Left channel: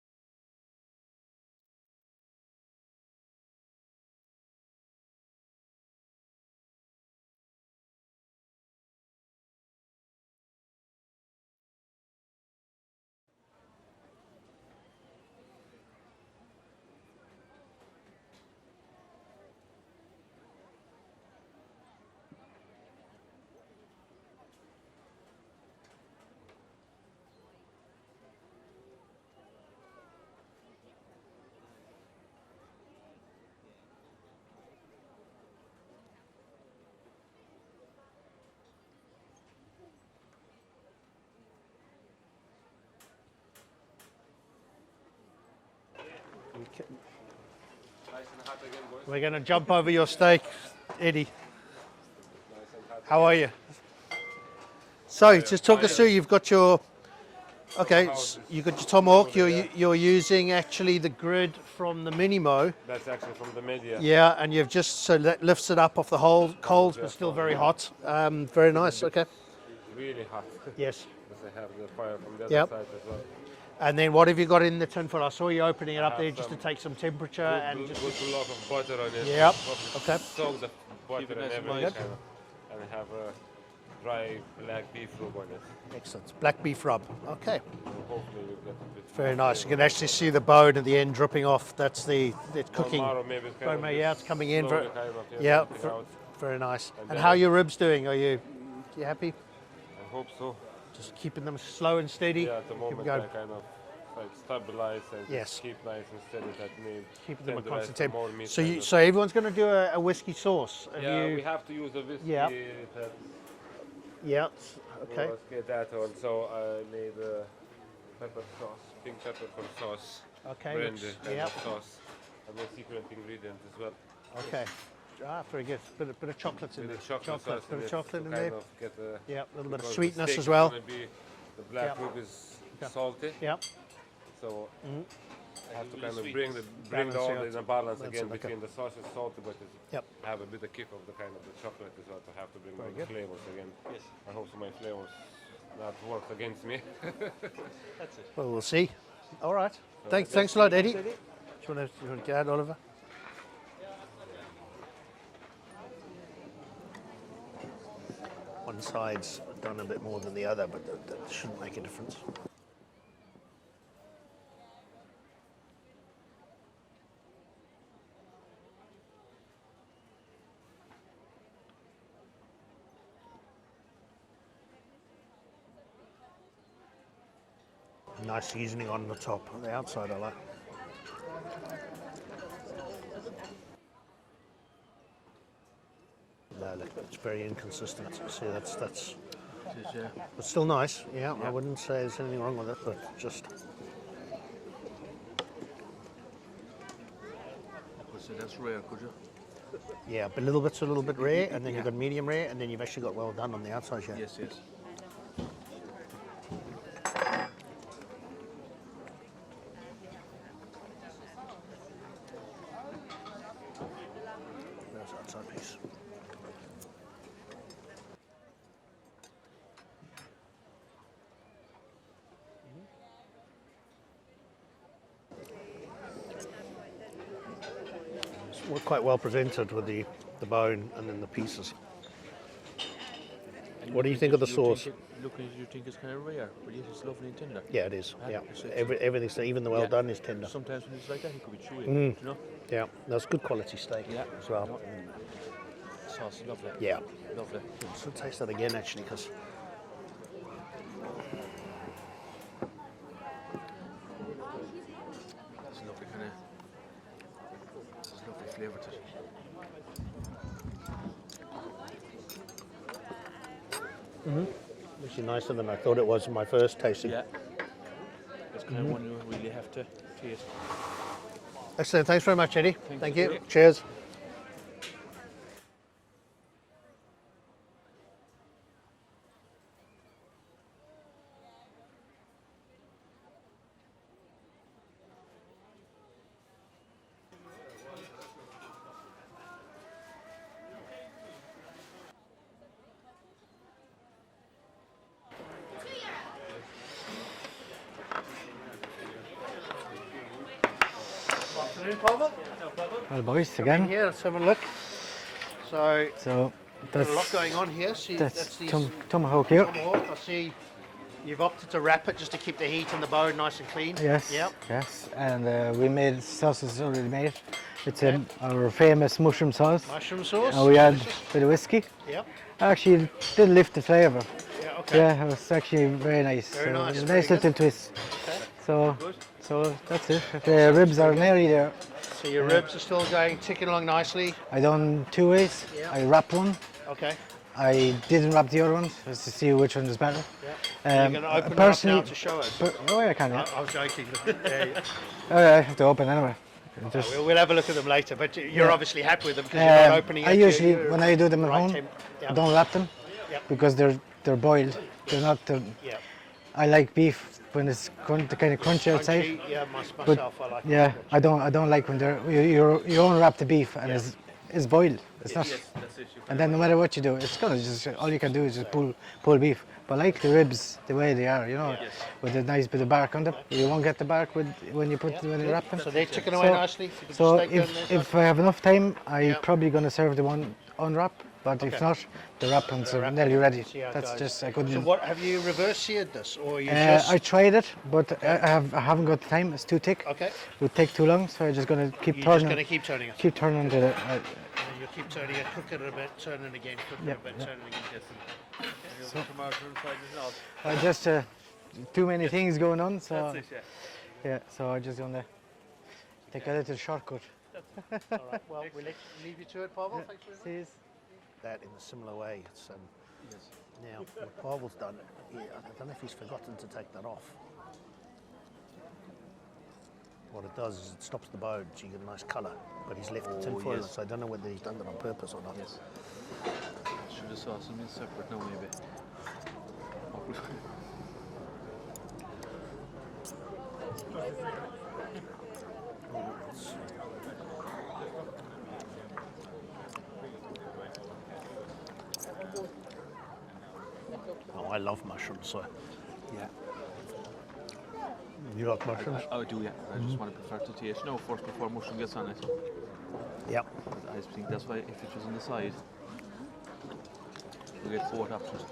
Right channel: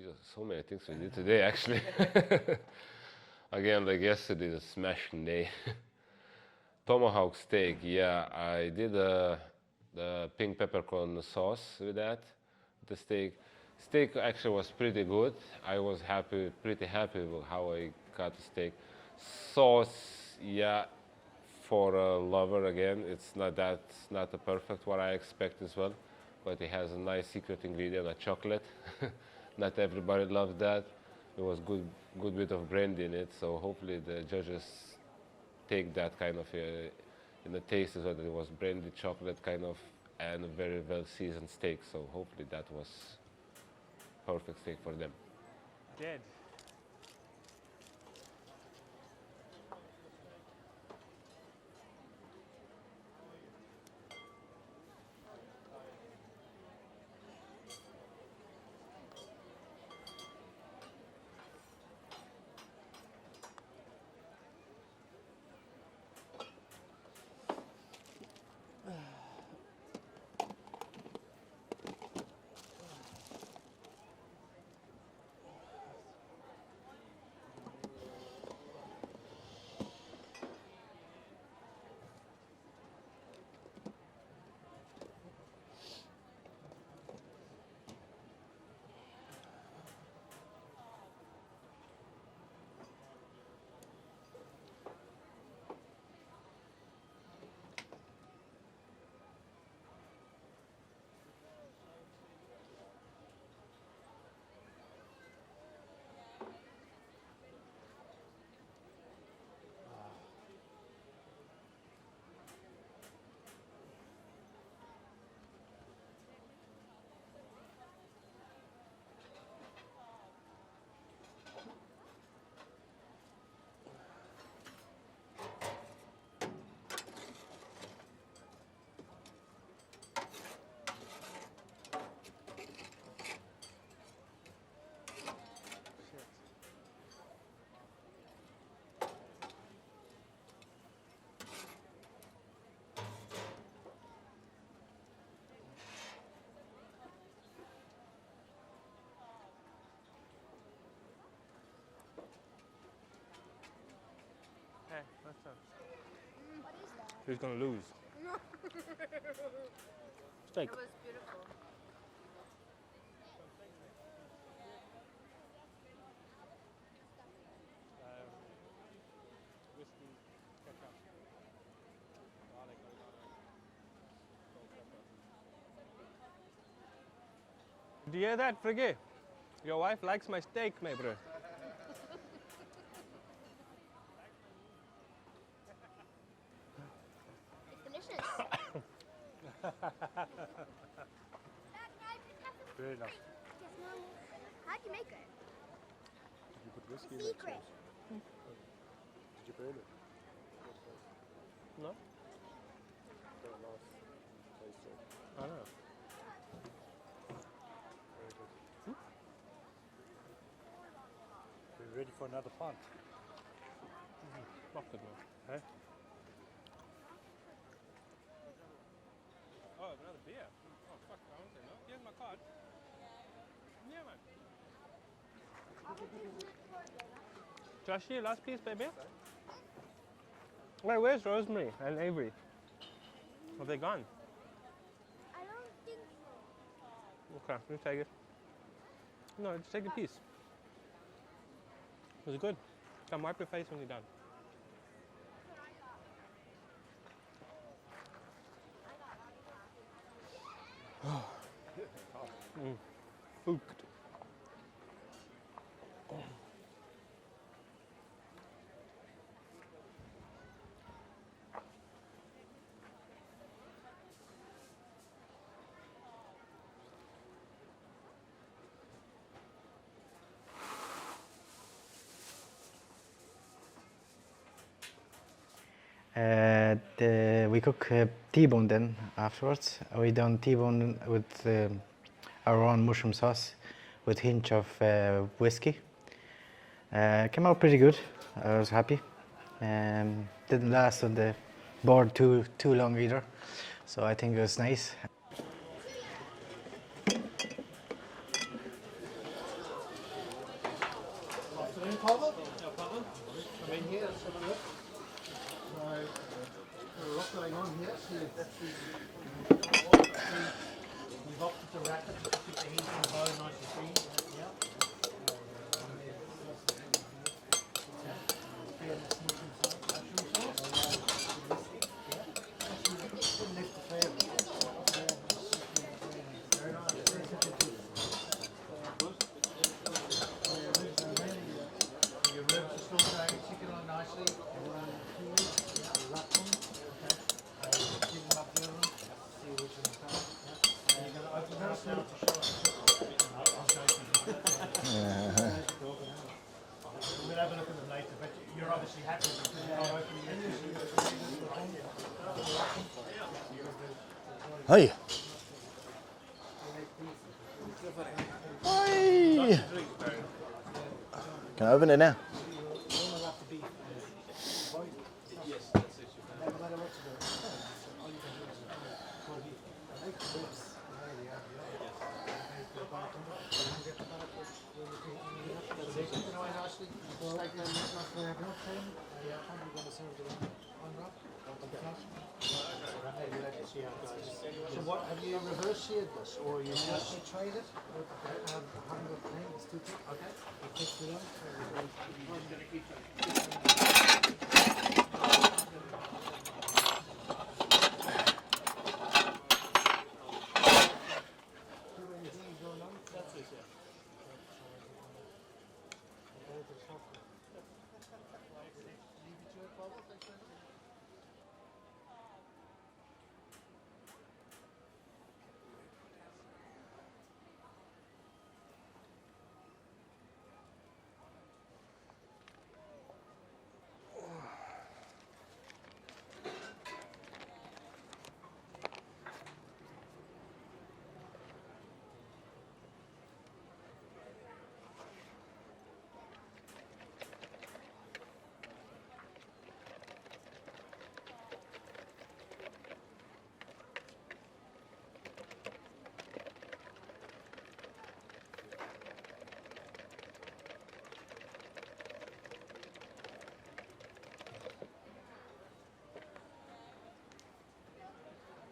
Jesus, so many things we did today, actually. Again, like yesterday, the smashing day. Tomahawk steak, yeah, I did the pink peppercorn sauce with that, the steak. Steak actually was pretty good. I was pretty happy with how I got the steak. Sauce, yeah, for a lover again, not a perfect what I expect as well, but it has a nice secret ingredient, a chocolate. Not everybody loves that. It was good bit of brandy in it, so hopefully the judges take that kind of in the taste as well. It was brandy chocolate kind of and a very well seasoned steak, so hopefully that was perfect steak for them. Okay. We're going to jump over your steak, Eddie. How are you? So just talk us through. You've got your you've got your tomahawk. You're using actually the grid from the Minimo. That's actually from the media. Yeah, and you've just so that lifts it up off the whole coals, but still very hot. Very nice. Okay. Really hot. Yes. Because I have the fire from the other Yep. side as well. And then what have you got in the tin for? I saw you opening it up there just to take some temperature and just. Put a lot of butter on it. Yep. Okay. Soak the butter and everything, Good. and have a dry black beef rub on it. Excellent. Black beef rub. Okay. So hopefully we'll get a bit. Very nice. You can actually see the bone at the end dripping off. That's the cooking. Tomorrow maybe it's kind Bone, of yeah, it's coming in. slowly Very, kind of, yeah, working out. very nice. And And then how are your ribs doing? Are you happy? I hope so. Just keeping them slow and steady. Yeah, at the moment I going. kind of like stabilize and Yes. keep nice and steady. That means Keeping them a tenderize constant the temp. more meat So tender. so everyone's going to do a whiskey sauce. Have Yeah, you? we have to use the whiskey. Yeah. That Yeah. Okay. Let's get that on. So I need pepper sauce, pink peppercorn sauce, Okay. brandy looks- kind yeah. of sauce, and the secret ingredient as well. Okay. Ah, very good. Bit of chocolate in With there. the chocolate sauce Bit in of it chocolate to in kind there. of get the, Yeah. A little bit of because the sweetness steak as is well. gonna be, the black Yeah. rib is Okay. salty, Yeah. so I have to kind of bring Balance all out. in a balance That's again it, okay. between the sauce and salty, but Yep. have a bit of kick of the kind of the chocolate as well to have to bring Very the good. flavors again. Yes. I hope so my flavors not work against me. Well, we'll see. All right. Thanks a lot, Eddie. Do you want to get out, Oliver? Who's going to lose? One side's done a bit more than the other, but that shouldn't make a difference. Do you Nice that seasoning forget? on the top, on the My wife outside. I likes like. my steak, my bro. No, look, it's very inconsistent. See, that's. It's still nice. Yeah, I wouldn't say there's anything wrong with it, but just. So that's rare, could you? Yeah, but a little bit rare, and then you've got medium rare, and then you've actually got well done on the outside. Yeah. Yes, yes. There's the outside piece. We're quite well presented with the bone and then the pieces. And Avery. What do you think of the sauce? Look, you think it's kind of rare, but yes, it's lovely and tender. Yeah, it is. Yeah, everything's even the well done is tender. Sometimes when it's like that, it could be chewy. Mm. You know, good. Yeah, that's good quality steak Yeah. as well. Sauce, lovely. Yeah, Lovely. so taste that again actually, because It's lovely kind of. It's lovely flavour to it. actually nicer than I thought it was in my first tasting. Yeah. It's kind of one you really have to taste. Excellent. Thanks very much, Eddie. Thank you. Cheers. We cook T-bone then afterwards. We done T-bone with our own mushroom sauce with hint of whiskey. Came out pretty good. I was happy. Didn't last on the board too long either. So I think it was nice. Well, boys, Come again. in here, let's have a look. So, So there's that's a lot going on here. See, that's these tomahawk here. tomahawk. I see you've opted to wrap it just to keep the heat and the bone nice and clean. Yes. Yep. Yes. And we made sausage already made. It's our famous mushroom sauce. Mushroom sauce. And we add a bit of whiskey. Yep. Actually, it did lift the flavour. Yeah, okay. Yeah, it was actually very nice. Very nice, It was a very nice little twist. So that's it. The ribs are nearly there. So your ribs are still going, ticking along nicely. I done 2 ways. Yeah. I wrapped one. Okay. I didn't wrap the other one just to see which one is better. You're going to open it up now personally, to show us. oh, yeah, I can. Yeah. I was joking. I have to open anyway. Just, We'll have a look at them later, but you're Yeah. obviously happy with them because you're not opening it. I usually, when I do them at right home, temp- I yeah. don't wrap them Yep. because they're boiled. Hey. They're not. Yeah. I like beef when it's kind of crunchy outside. Yeah, myself, I like Yeah, I don't like when you unwrap the beef and it's boiled. It's not. And then no matter what you do, it's gonna just all you can do is just pull beef. But I like the ribs the way they are, you know, with a nice bit of bark on them. You won't get the bark when you wrap them. So they're ticking away nicely. With the So steak down there. if I have enough time, I'm Yeah. probably gonna serve the one unwrap. But if not, the wrappings are nearly ready. See how it That's goes. just I couldn't. So what have you reverse seared this, or you I just? tried it, but I haven't got the time. It's too thick. Okay. It would take too long, so I'm just gonna keep You're turning. just going to keep turning it. Keep turning the. Keep turning it, cook it a bit, turn it again, cook it a bit, turn it again. There's just too many things going on, so yeah. So I'm just gonna take a little shortcut. All right. Well, we'll leave you to it, Pavel. Thanks very much. See? That in a similar way. It's now what Pavel's done here. I don't know if he's forgotten to take that off. What it does is it stops the bone, so you get a nice colour. But he's left the tin foil, so I don't know whether he's done it on purpose or not. Should have sauce in separate now, maybe. Oh, I love mushrooms, so yeah. You like mushrooms? I do, yeah. I just want to prefer to taste now first before mushroom gets on it. Yep. I think that's why if it was on the side, we get both options.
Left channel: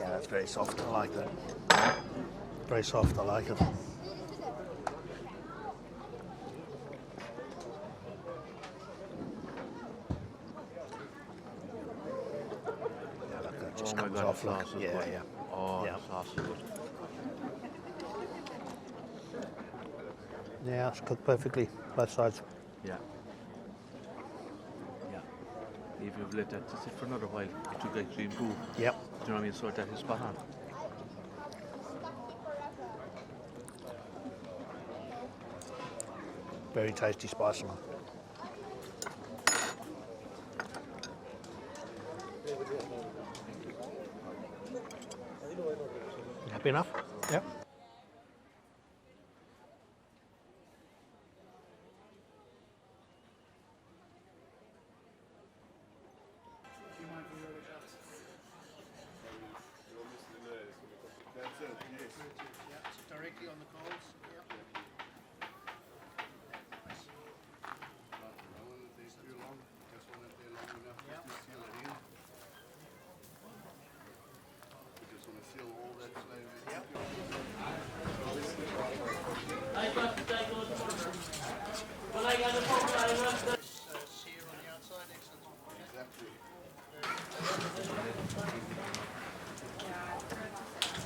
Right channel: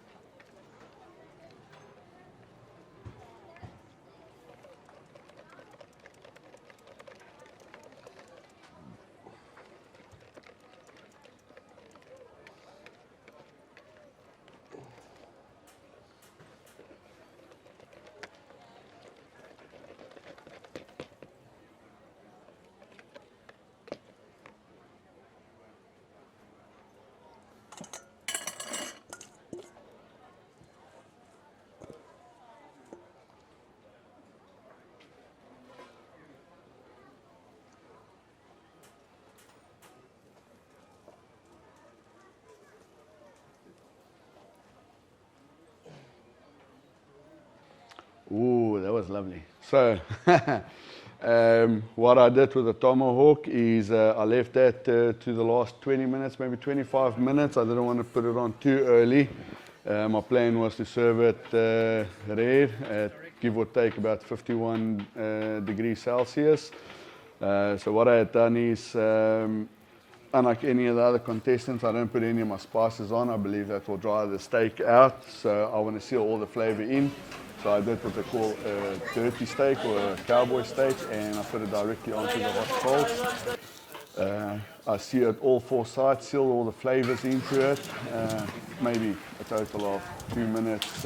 Yeah, that's very soft. I like that. Very soft. I like it. Yeah, look, that just Oh my comes God, off. the Look. sauce is Yeah, good. yeah. Oh, Yeah. the sauce is good. Yeah, it's cooked perfectly, both sides. Yeah. Yeah. If you've let that to sit for another while, you get green food. Yep. Do you know what I mean? So that is spot on. Very tasty spicy one. Happy enough? Yep. Ooh, that was lovely. So, what I did with the tomahawk is I left that to the last 20 minutes, maybe 25 minutes. I didn't want to put it on too early. My plan was to serve it rare at give or take about 51 degrees Celsius. So what I had done is, unlike any of the other contestants, I don't put any of my spices on. I believe that will dry the steak out. So I want to seal all the flavor in. So I did what they call a dirty steak or a cowboy steak, and I put it directly onto the hot coals. I seared all 4 sides, sealed all the flavors into it, maybe a total of 2 minutes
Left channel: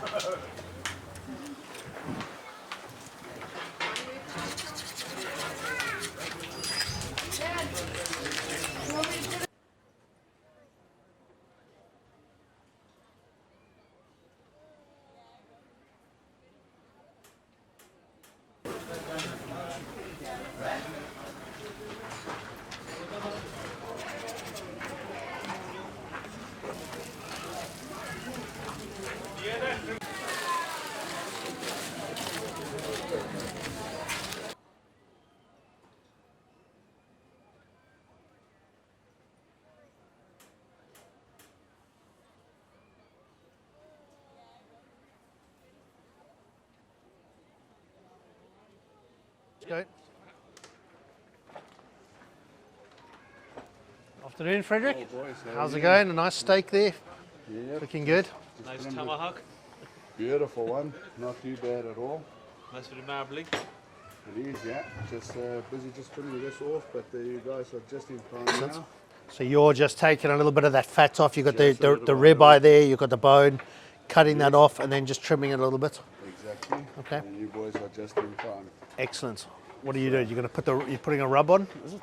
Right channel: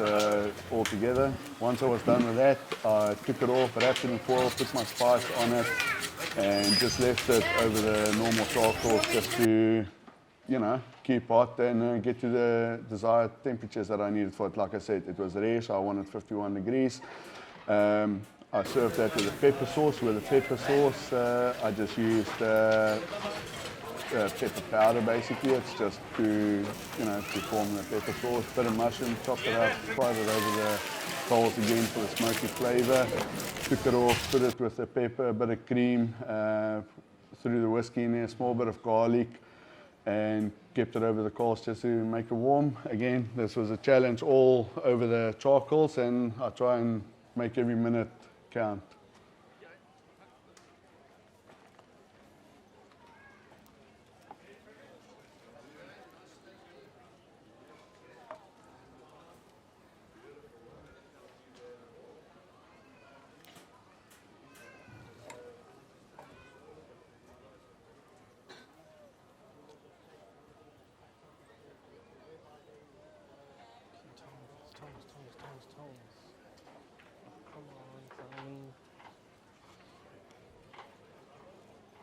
altogether. Once I was done with that, I took it off, wrapped it in foil, put my spice on it, and just left it over the normal charcoal just to, you know, keep hot and get to the desired temperatures that I needed for it. Like I said, it was rare, so I wanted 51 degrees. I served that with a pepper sauce. With the pepper sauce, I just used pepper powder basically. It's just to, you know, to form the pepper sauce. Bit of mushroom, chopped it up, fried it over the coals again for the smoky flavour. Took it off, put it with the pepper, a bit of cream, threw the whiskey in there, a small bit of garlic, and kept it over the coals just to make it warm. Again, this was a challenge all over the charcoals, and I try and make every minute count. Go. Afternoon, Frederick. How's it going? A nice steak there. Yep. Looking good. Nice tomahawk. Beautiful one, not too bad at all. Nice with the marbling. It is, yeah. Just busy just trimming this off, but you guys are just in time now. So you're just taking a little bit of that fat off. You've got Just a the little bit ribeye there, you've got the bone, cutting that off and then just trimming it a little bit. Exactly. Okay. And you boys are just in time. Excellent. What are you doing? You're going to put you're putting a rub on? Is it?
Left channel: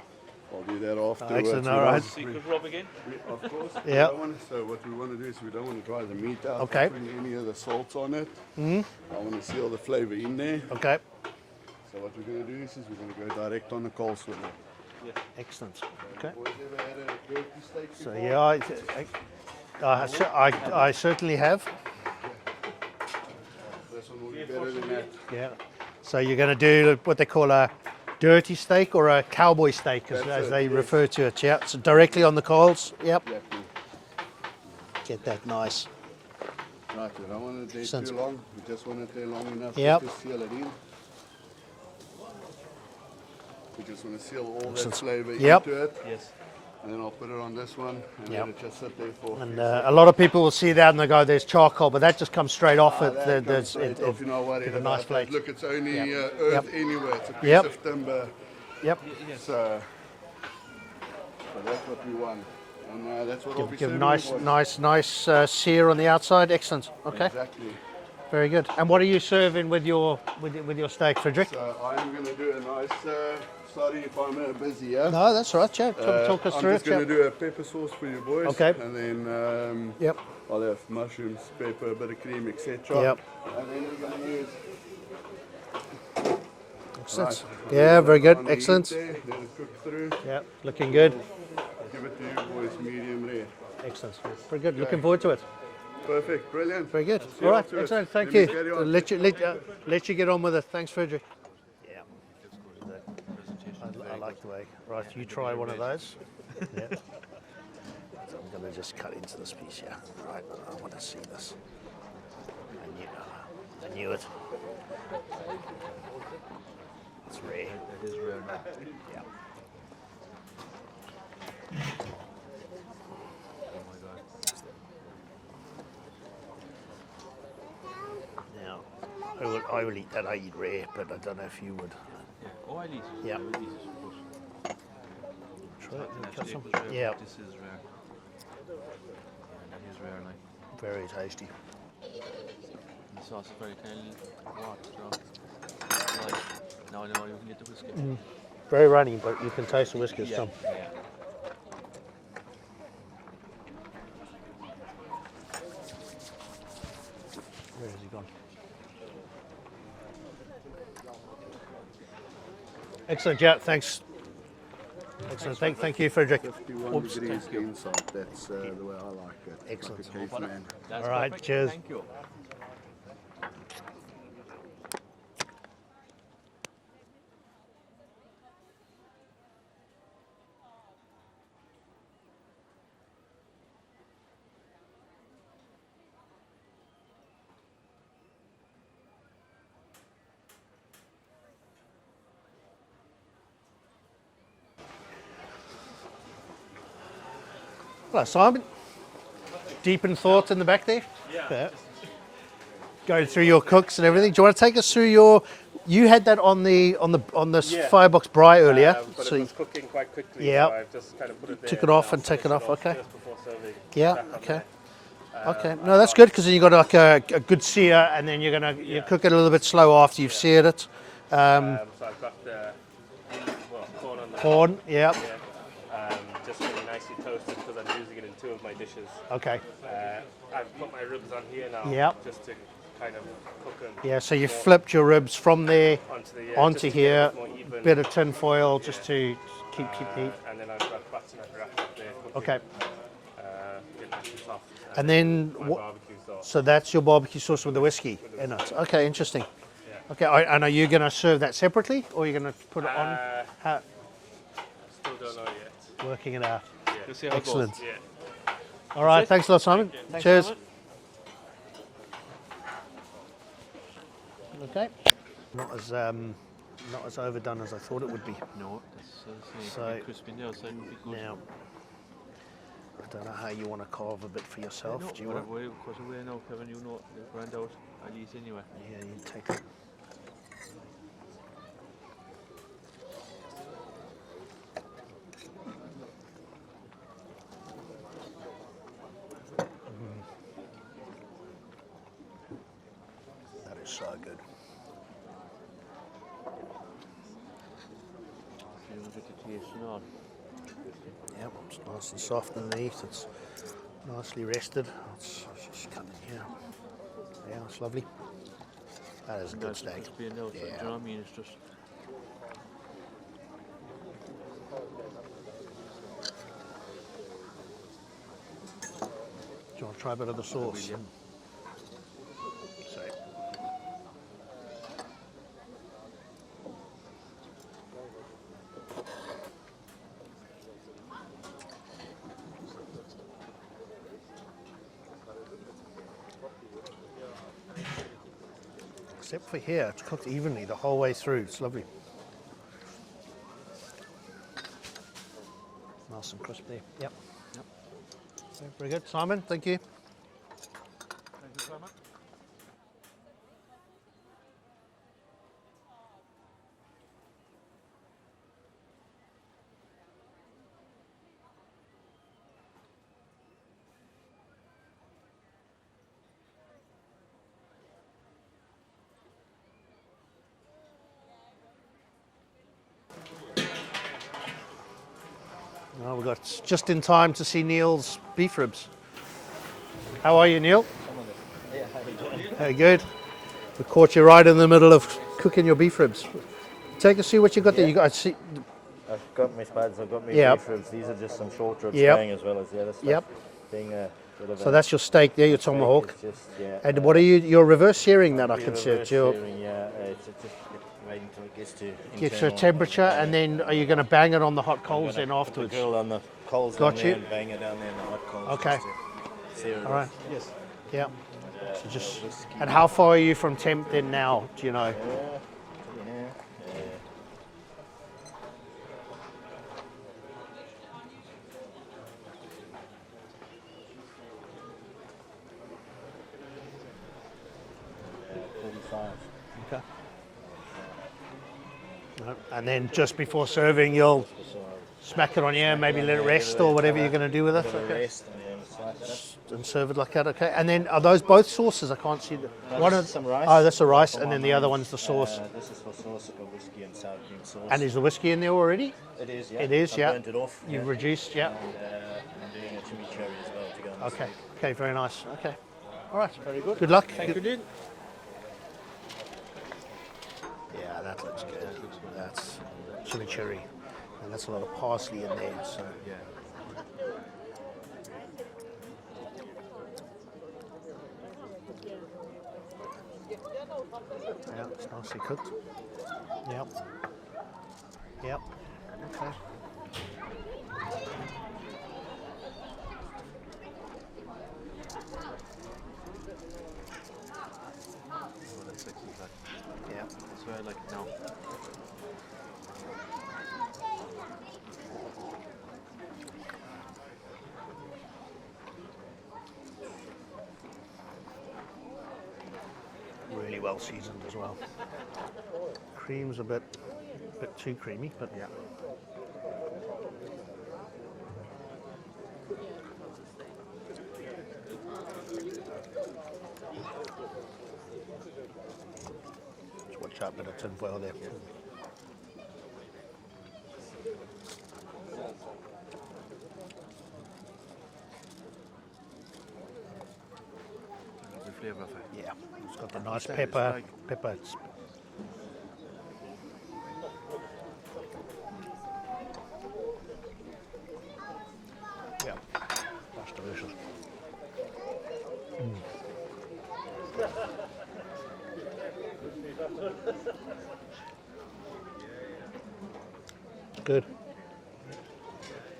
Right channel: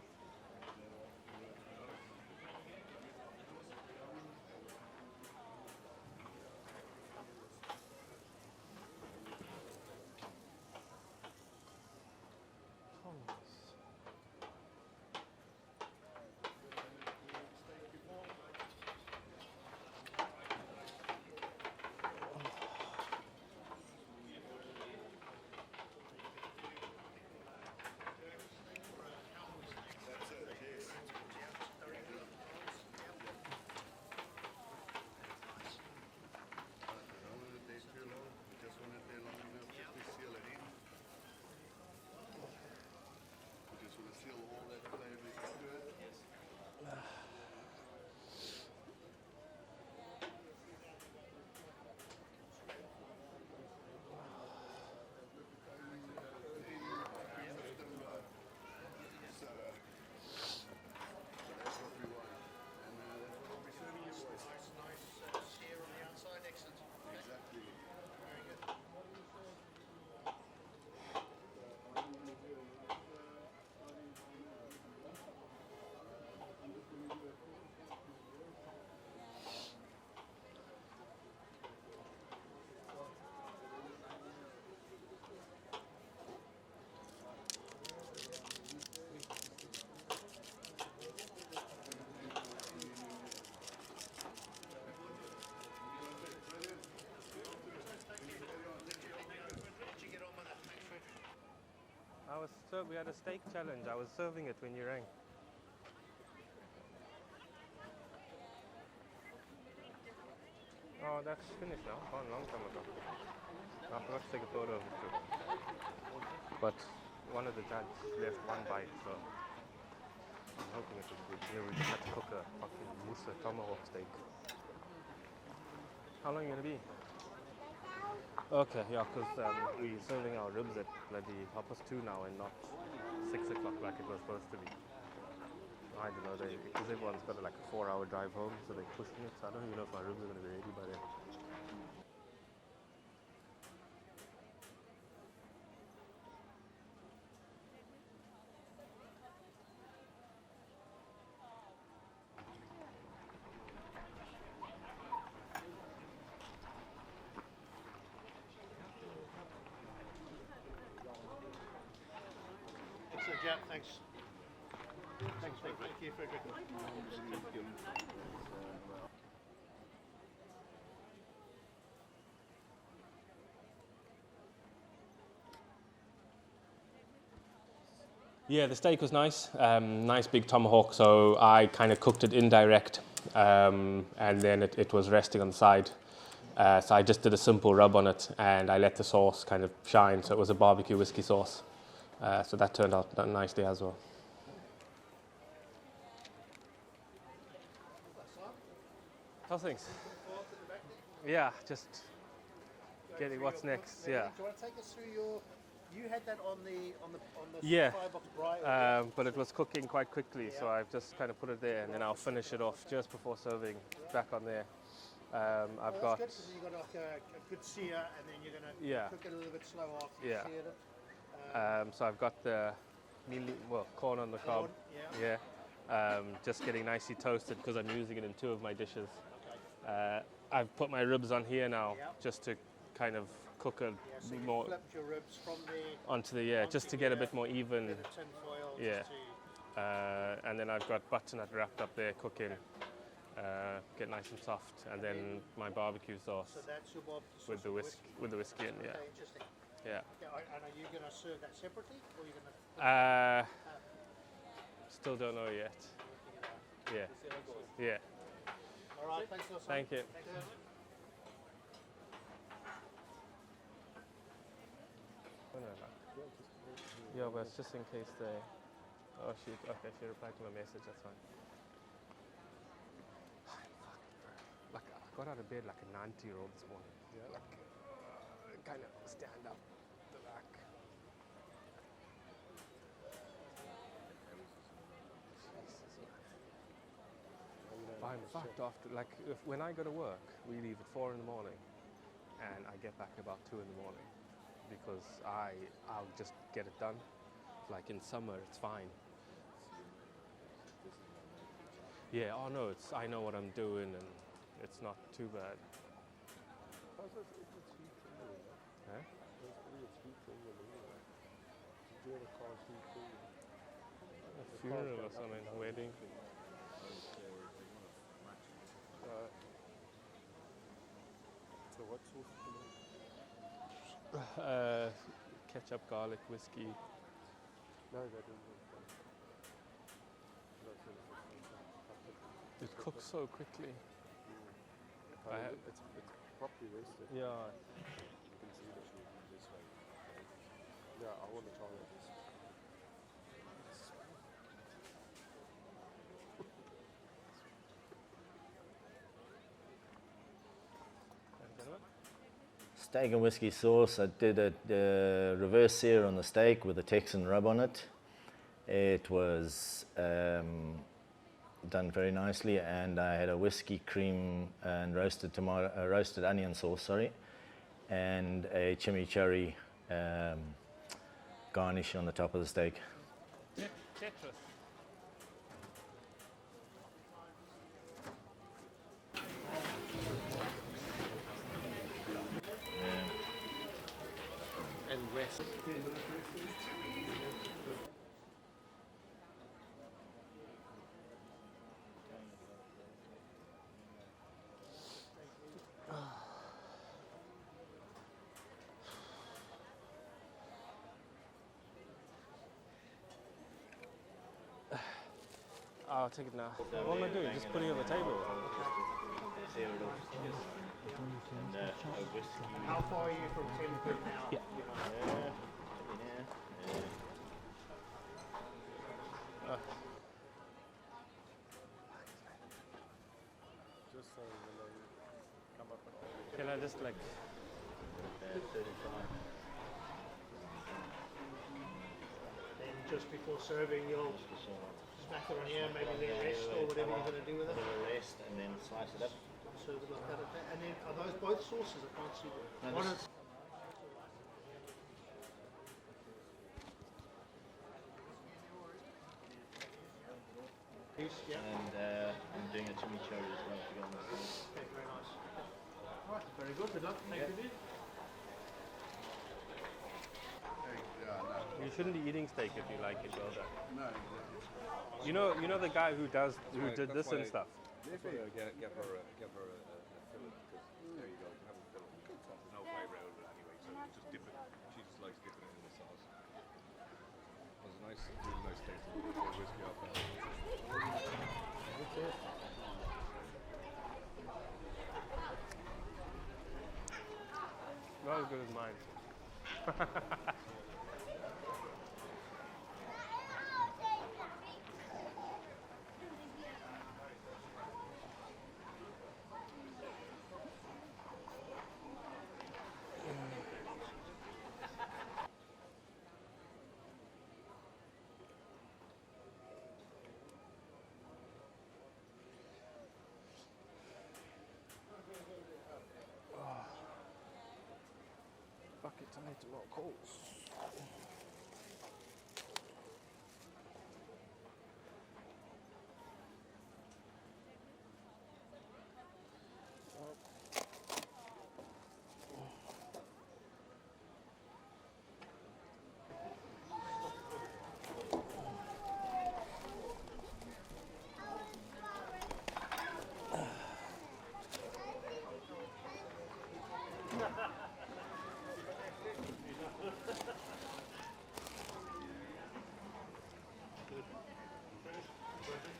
I'll do that afterwards. Excellent, We all don't- right. Secret rub again. Of course. Yeah. So what we want to do is we don't want to dry the meat out. Okay. By putting any of the salts on it. I want to seal the flavour in there. Okay. So what we're going to do is we're going to go direct on the coals with it. Excellent. Okay. Boys ever had a turkey steak So before? yeah, I certainly have. This one will be better than that. Yeah. So you're going to do what they call a dirty steak or a cowboy steak, as That's it, they yes. refer to it. Yeah. So directly on the coals. Yep. Exactly. Get that nice. Right, we don't want it there Excellent. too long. We just want it there long enough Yep. just to seal it in. We just want to seal all that Excellent. flavour Yep. into it. Yes. And then I'll put it on this one and Yep. let it just sit there for And a lot of people will see that and they go, "There's charcoal," but that just comes straight off it. that comes straight off, you know what, give it a nice flake. Look, it's only Yep. earth Yep. anyway. It's a piece Yep. of timber. Yep. So that's what we want. And that's what I'll be Give serving, nice sear on the outside. Excellent. Okay. Exactly. Very good. And what are you serving with your steak, Frederick? So I'm going to do a nice, sorry if I'm busy, yeah? No, that's all right, Chad. Talk us through I'm it. just going to Chad. do a pepper sauce for you boys. Okay. And then Yep. I'll have mushrooms, pepper, a bit of cream, etc. Yep. And then we're going to use... Excellent. Right. Yeah, very good. On the heat Excellent. there, let it cook through. Yeah, looking good. Give it to you boys medium rare. Excellent. Very good. Looking forward to it. Perfect, brilliant. Very good. See All you right. afterwards. Excellent. Thank Let you. me carry on. Let you get on with it. Thanks, Frederick. Yeah. I like the way. Right, you try one of those. Yeah. So I'm going to just cut into this piece here. Right. I want to see this. I knew it. But it's rare. Okay, yeah. I will eat that. I eat rare, but I don't know if you would. Yeah. Yeah. Very tasty. The sauce is very kindly hot, so right. Now I know you can get the whiskey. Very runny, but you can taste the whiskey still. Yeah. Where has he gone? Excellent, yeah, thanks. Excellent, thank you, Frederick. 51 degrees inside, that's the way I like it. Excellent. Like a caveman. That's All right, perfect. cheers. Thank you. Yeah, the steak was nice. Nice big tomahawk, so I kind of cooked it indirect, and then it was resting on the side. So I just did a simple rub on it, and I let the sauce kind of shine, so it was a barbecue whiskey sauce. So that turned out nicely as well. Hello, Simon. Deep in thought in the back there? Yeah. Going through your cooks and everything. Do you want to take us through your? You had that on the Yeah. firebox braai earlier. But so it was cooking quite quickly, Yeah. so I just kind of put it there. took it off I'll and take finish it off, okay. Just before serving. yeah, back on okay. there. Okay, no, that's good because then you got like a good sear, and then you're gonna you Yeah. cook it a little bit slow after you've seared it. So I've got the corn on the Corn, yeah. top, yeah. Just getting nicely toasted because I'm using it in 2 of my dishes. Okay, I've put my ribs on here now, Yep. just to kind of cook them. yeah. So you more flipped your ribs from there onto the onto just to here, get a bit more even. bit of tin foil just Yeah. to keep the heat. And then I've got butternut wrapped up there cooking. Okay, Get nice and soft. and then my barbecue sauce. so that's your barbecue sauce with the whiskey With the in it. whiskey. Okay, interesting. Yeah. Okay, and are you going to serve that separately, or are you going to put it on? How, Still don't know yet. working it out. Yeah. Let's see how Excellent. Yeah. All right, thanks a lot, Simon. Cheers. Okay. Not as overdone as I thought it would be. No, that's obviously So, a bit crispy on the outside would be good. Now, I don't know how you want to carve a bit for yourself. No, Do you want? we're away now, Kevin, you know, round out at least anyway. Yeah, you take it. Like when I go to work, really 4 in the morning, and I get back about 2 in the That is morning so good. because I'll just get it done. Like in summer, it's fine. You know, a bit of taste and all. Yeah, it's nice and soft no, underneath. I know It's what I'm doing. nicely rested. It's just cut it, yeah. Yeah, it's lovely. That is a good Nice steak. crispy on the outside, Yeah. you know what I mean? It's just, Do you want to try a bit of the sauce? Sorry. Ketchup, garlic, whiskey. Just cooks so quickly. Yeah. Except for here, it's cooked evenly the whole way through. It's lovely. Nice and crispy. Yep. Very good. Simon, thank you. Steak and whiskey sauce. I did a reverse sear on the steak with a Texan rub on it. It was done very nicely, and I had a whiskey cream and roasted onion sauce, sorry, and a chimichurri garnish on the top of the steak. Well, we've got just in time to see Neil's beef ribs. How are you, Neil? Very good. We caught you right in the middle of cooking your beef ribs. Take us see what you got there. You got. I see. I've got my spuds, I've got my Yep. beef ribs. These are just some short ribs Yep. going as well as the other stuff. Yep. Being a bit of So a that's your steak there, your steak, tomahawk. it's just, yeah, And what are you? You're reverse searing that, I can see. reverse It's your, searing, yeah, it's just waiting until it gets to gets internal. your temperature, and then are you going to bang it on the hot coals then Put the afterwards? grill on the coals Got on there you. and bang it down there on the hot coals. Okay. Sear it. All right. Yeah. So just. And how far are you from temp then now? Do you know? And then just before serving, you'll smack it on here, maybe let it rest or whatever you're going to do with it. Okay. Rest and then it's like that. And serve it like that, okay. And then are those both sauces? I can't see them. One of Some rice. Oh, that's the rice, and then the other one's the sauce. This is for sauce, I've got whiskey and sour cream sauce. And is the whiskey in there already? It is, yeah. It is, yeah. I burnt it off. You've reduced, yeah. And I'm doing a chimichurri as well to go on. Okay, okay, very nice. Okay. All right, very good. Good luck. Good. Yeah, that looks good. That's chimichurri. And that's a lot of parsley. You know the guy who did this and stuff? Yeah, it's nicely cooked. Yep. Yep. Okay. that's why I like it now. Really well seasoned as well. Cream's a bit too creamy, but yeah. Just watch out, bit of tin foil there. The flavour of it. Yeah, it's got the nice That is pepper. like- Pepper. It's yeah, that's delicious. Good.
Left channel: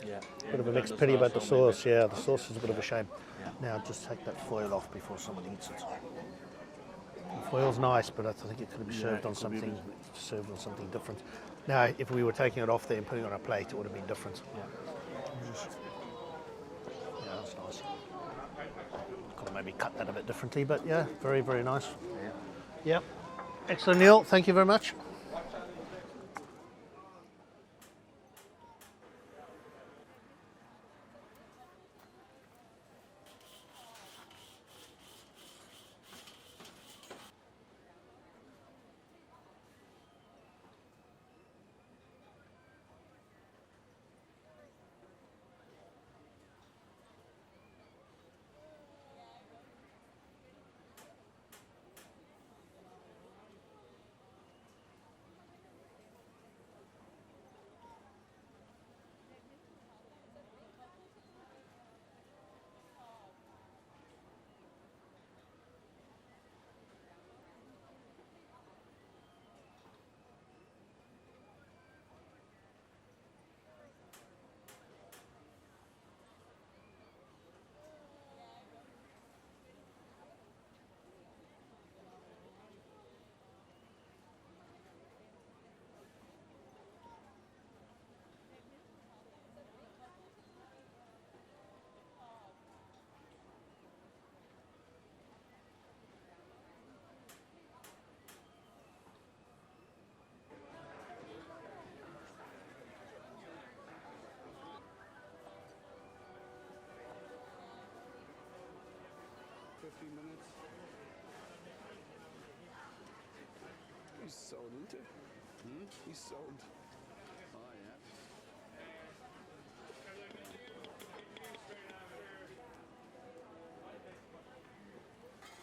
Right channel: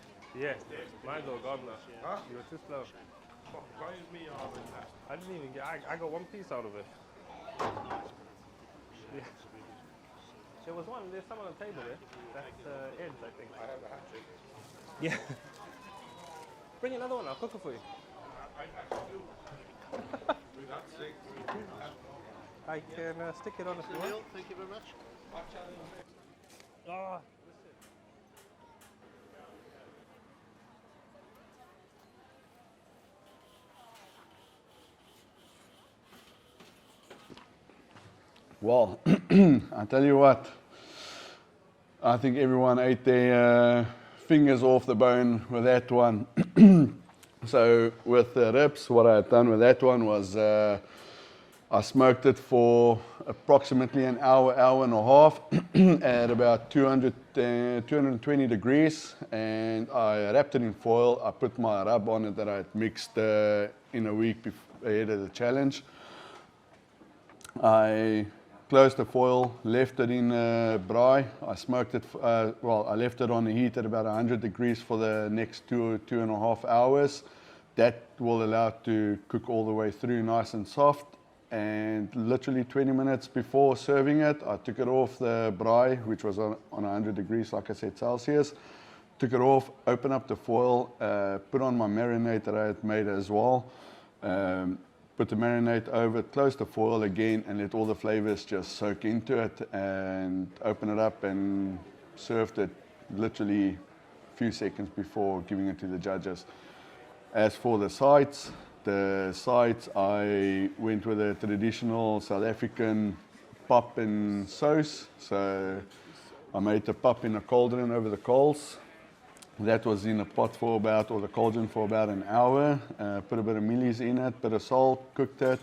Yeah. Bit of a mixed pity about the sauce. Yeah, the sauce is a bit of a shame. Now just take that foil off before something gets it. The foil's nice, but I think it could be served on something different. Now, if we were taking it off there and putting it on a plate, it would have been different. Yeah. Could have maybe cut that a bit differently, but yeah, very, very nice. Yeah. Excellent, Neil. Thank you very much. Well, I tell you what, I think everyone ate their fingers off the bone with that one. So with the ribs, what I had done with that one was I smoked it for approximately an hour, hour and a half at about 220 degrees, and I wrapped it in foil. I put my rub on it that I had mixed in a week ahead of the challenge. I closed the foil, left it in braai. I smoked it, I left it on the heat at about 100 degrees for the next 2.5 hours. That will allow it to cook all the way through nice and soft. And literally 20 minutes before serving it, I took it off the braai, which was on 100 degrees, like I said, Celsius. Took it off, opened up the foil, put on my marinade that I had made as well. Put the marinade over it, close the foil again, and let all the flavors just soak into it, and open it up and served it literally a few seconds before giving it to the judges. As for the sides I went with a traditional South African pap and sauce. So I made the pap in a cauldron over the coals. That was in a pot for about, or the cauldron for about an hour. Put a bit of mealies in it, bit of salt, cooked it,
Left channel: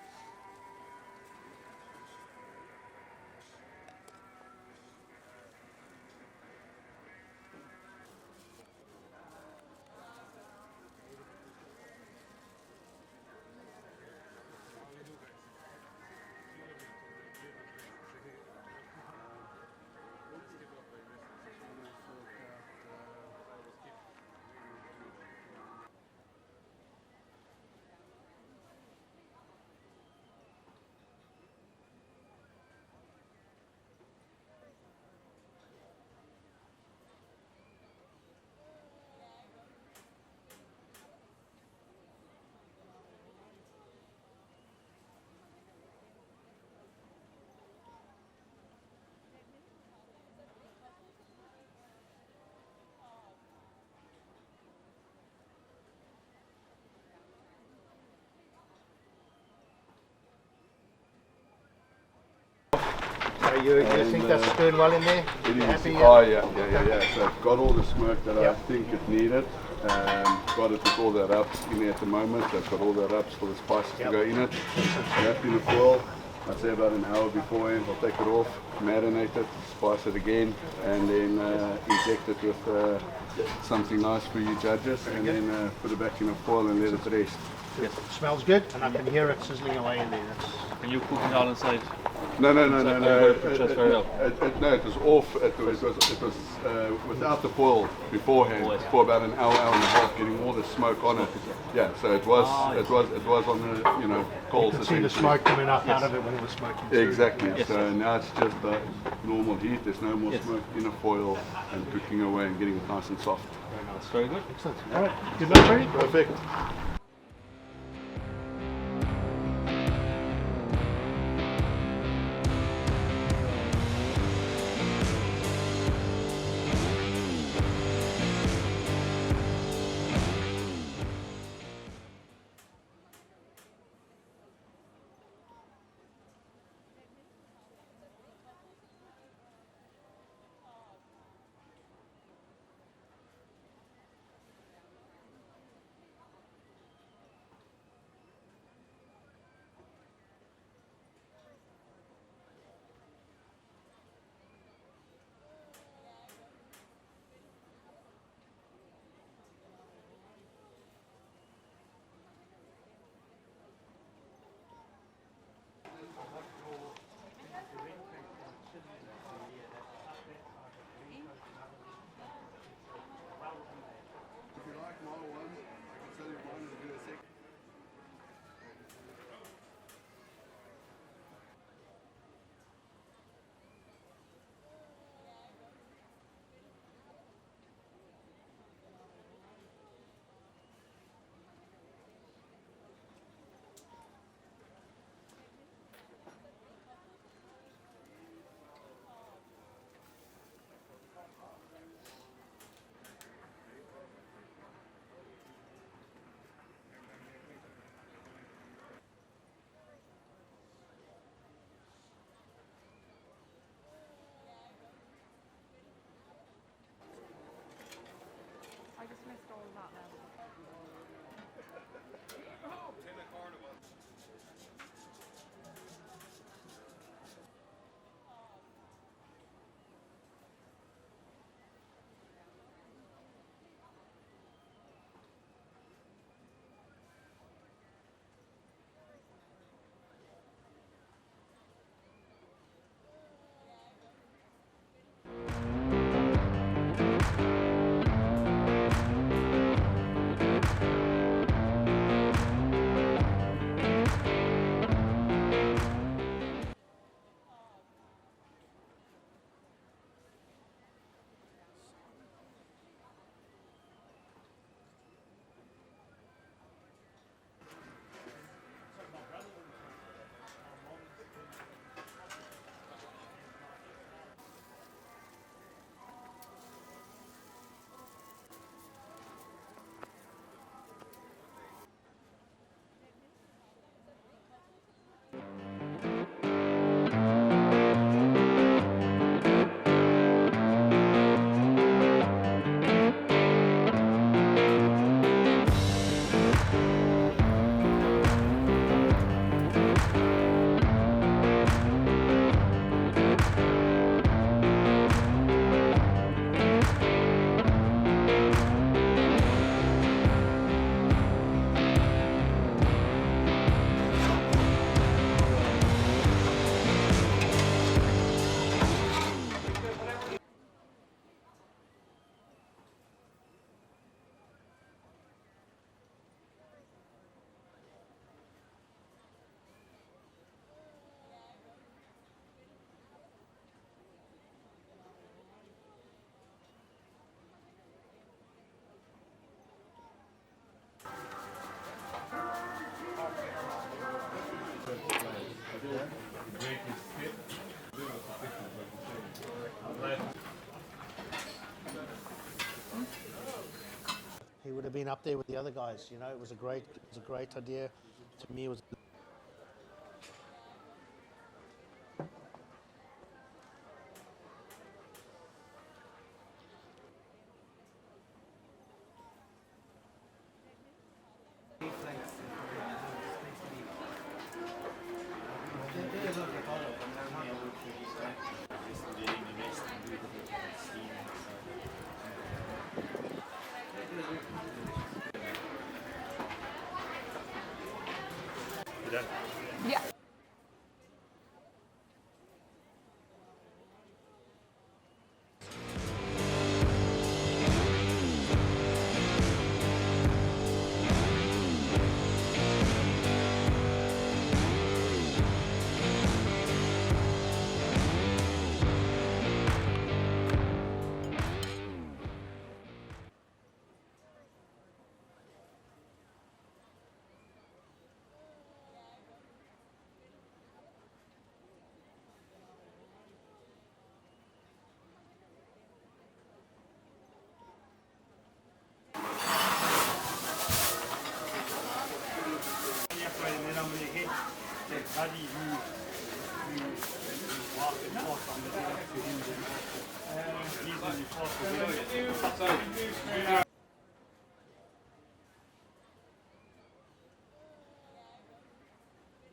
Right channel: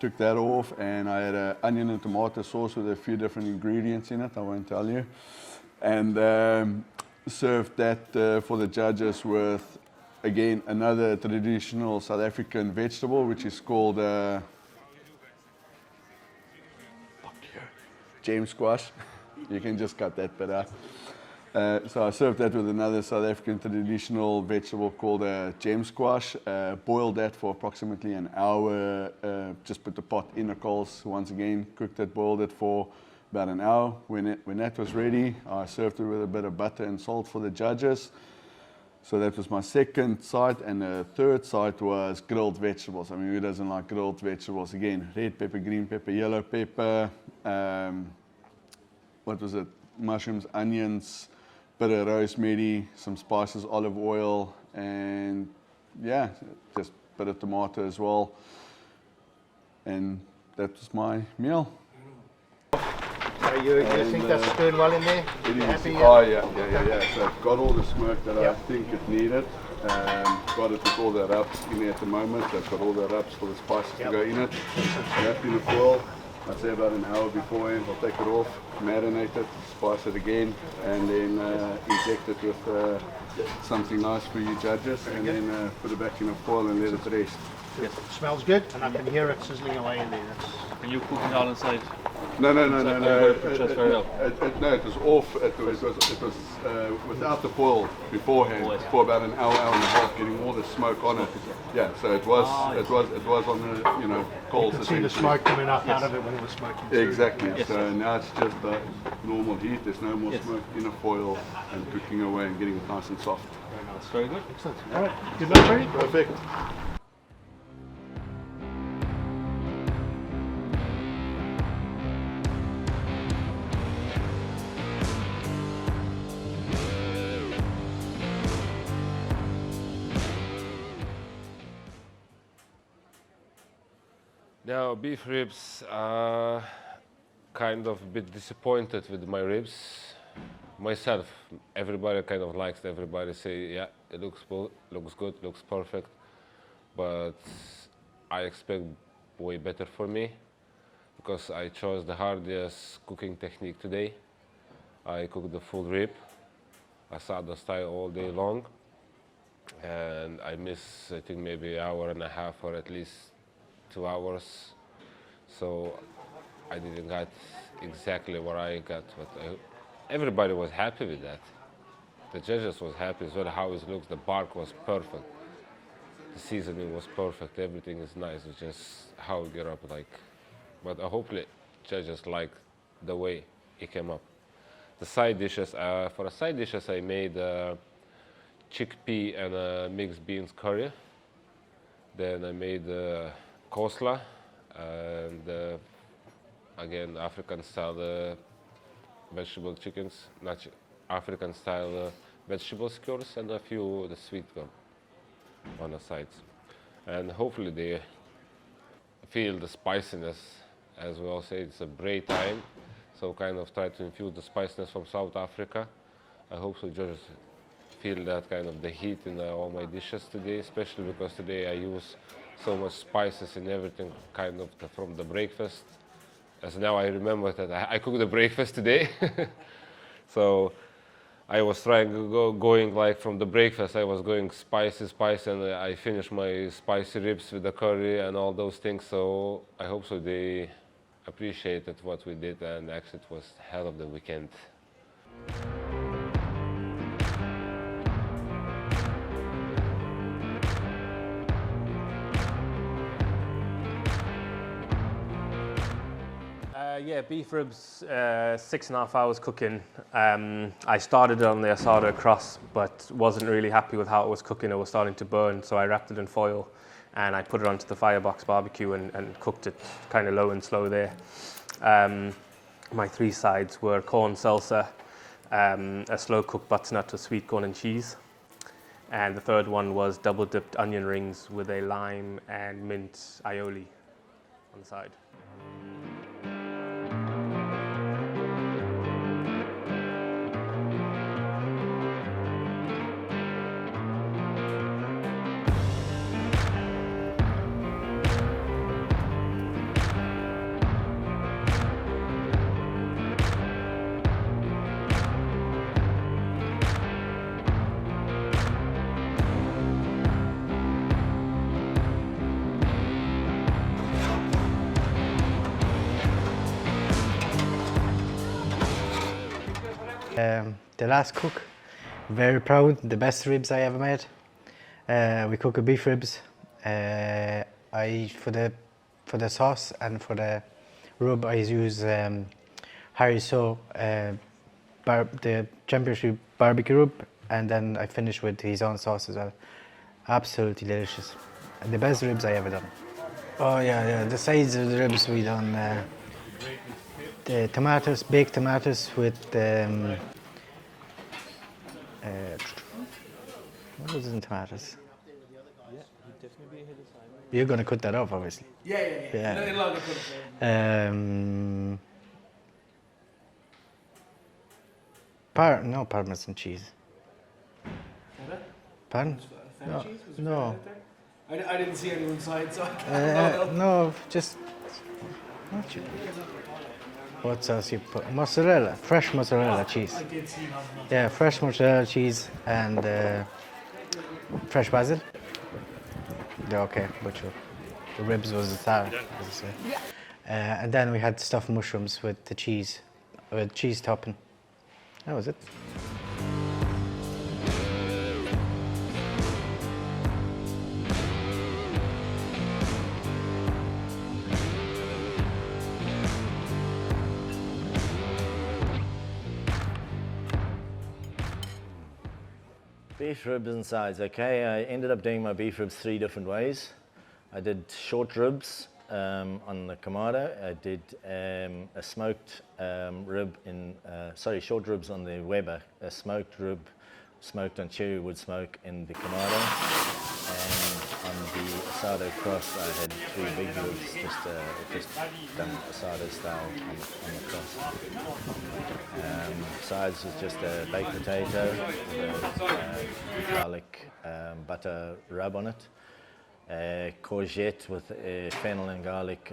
took that off, and I had an onion and tomato sauce with a few different ingredients in it, I won't tell you. And served that for the judges with, again, another traditional South African vegetable, which is called gem squash. You can just cut that bit out. So I served that with another South African traditional vegetable called gem squash. Boiled that for approximately an hour. Just put the pot in the coals once again, cooked it, boiled it for about an hour. When that was ready, I served it with a bit of butter and salt for the judges. So that was my second side, and the third side was grilled vegetables. I mean, who doesn't like grilled vegetables? Again, red pepper, green pepper, yellow pepper. What was it? Mushrooms, onions, bit of rosemary, some spices, olive oil, and yeah, just a bit of tomato as well. And that was my meal. So you think that's doing well in there? It is. Happy? Oh yeah. So I've got all the smoke that I think it needed. Got it with all the rubs in there at the moment. I've got all the rubs for the spices to go in it. Wrapped in the foil. I'd say about an hour beforehand. I'll take it off, marinate it, spice it again, and then inject it with something nice for you judges, and then put it back in the foil and let it rest. Yes. It smells good, and I can hear it sizzling away in there. Can you cook it all inside? No. It was off. It was without the foil beforehand for about an hour, hour and a half, getting all the smoke on it. Yeah, so it was on the coals. You could see the smoke coming up out of it when it was smoking through. Exactly. Yes. So now it's just normal heat. There's no more smoke in a foil and cooking away and getting it nice and soft. Very nice. Very good. Excellent. All right. Good luck, Freddie. Perfect. Now, beef ribs, kind of a bit disappointed with my ribs. Myself, everybody kind of likes it. Everybody say, yeah, it looks good, looks perfect. But I expect way better for me, because I chose the hardest cooking technique today. I cooked the full rib. I sat the style all day long, and I missed, I think, maybe an hour and a half or at least 2 hours, so I didn't get exactly what I got. But everybody was happy with that. the judges was happy as well how it looks. The bark was perfect. The seasoning was perfect. Everything is nice. It's just how it get up like. But hopefully, judges like the way it came up. The side dishes. For the side dishes, I made chickpea and mixed beans curry. Then I made coleslaw and again African style vegetable chickens, not African style vegetable skewers, and a few the sweet one on the sides. And hopefully they feel the spiciness as we all say. It's a braai time, so kind of try to infuse the spiciness from South Africa. I hope so judges feel that kind of the heat in all my dishes today, especially because today I use so much spices in everything kind of from the breakfast. As now I remember that I cooked the breakfast today. So I was trying to going like from the breakfast, I was going spicy, and I finished my spicy ribs with the curry and all those things. So I hope so they appreciated what we did, and actually it was hell of the weekend. Yeah, beef ribs, 6.5 hours cooking. I started it on the asada cross, but wasn't really happy with how it was cooking. It was starting to burn, so I wrapped it in foil and I put it onto the firebox barbecue and cooked it kind of low and slow there. My 3 sides were corn salsa, a slow cooked butternut with sweet corn and cheese, and the third one was double dipped onion rings with a lime and mint aioli on the side. The last cook, very proud, the best ribs I ever made. We cook beef ribs. For the sauce and for the rub I use Harry So the championship barbecue rub, and then I finish with his own sauce as well. Absolutely delicious. And the best ribs I ever done. Oh yeah, the sides of the ribs we done the tomatoes, baked tomatoes with what was in tomatoes? You've been up there with the other guys, you know, it was a great. You're going to cut that off, obviously. Yeah. No Parmesan cheese. Pardon? No. I didn't see any inside, so No, just. What sauce you put? Mozzarella, fresh mozzarella cheese. Yeah, fresh mozzarella cheese and fresh basil. Yeah, okay, but the ribs was the star. Yeah. And then we had stuffed mushrooms with the cheese, with cheese topping. That was it. Beef ribs and sides, okay. I ended up doing my beef ribs 3 different ways. I did short ribs on the Kamado. I did a smoked rib short ribs on the Weber. A smoked rib, smoked on cherry wood smoke in the Kamado. And on the asada cross, I had 3 big ribs, just asada style. Sides is just a baked potato, garlic butter rub on it, courgette with a fennel and garlic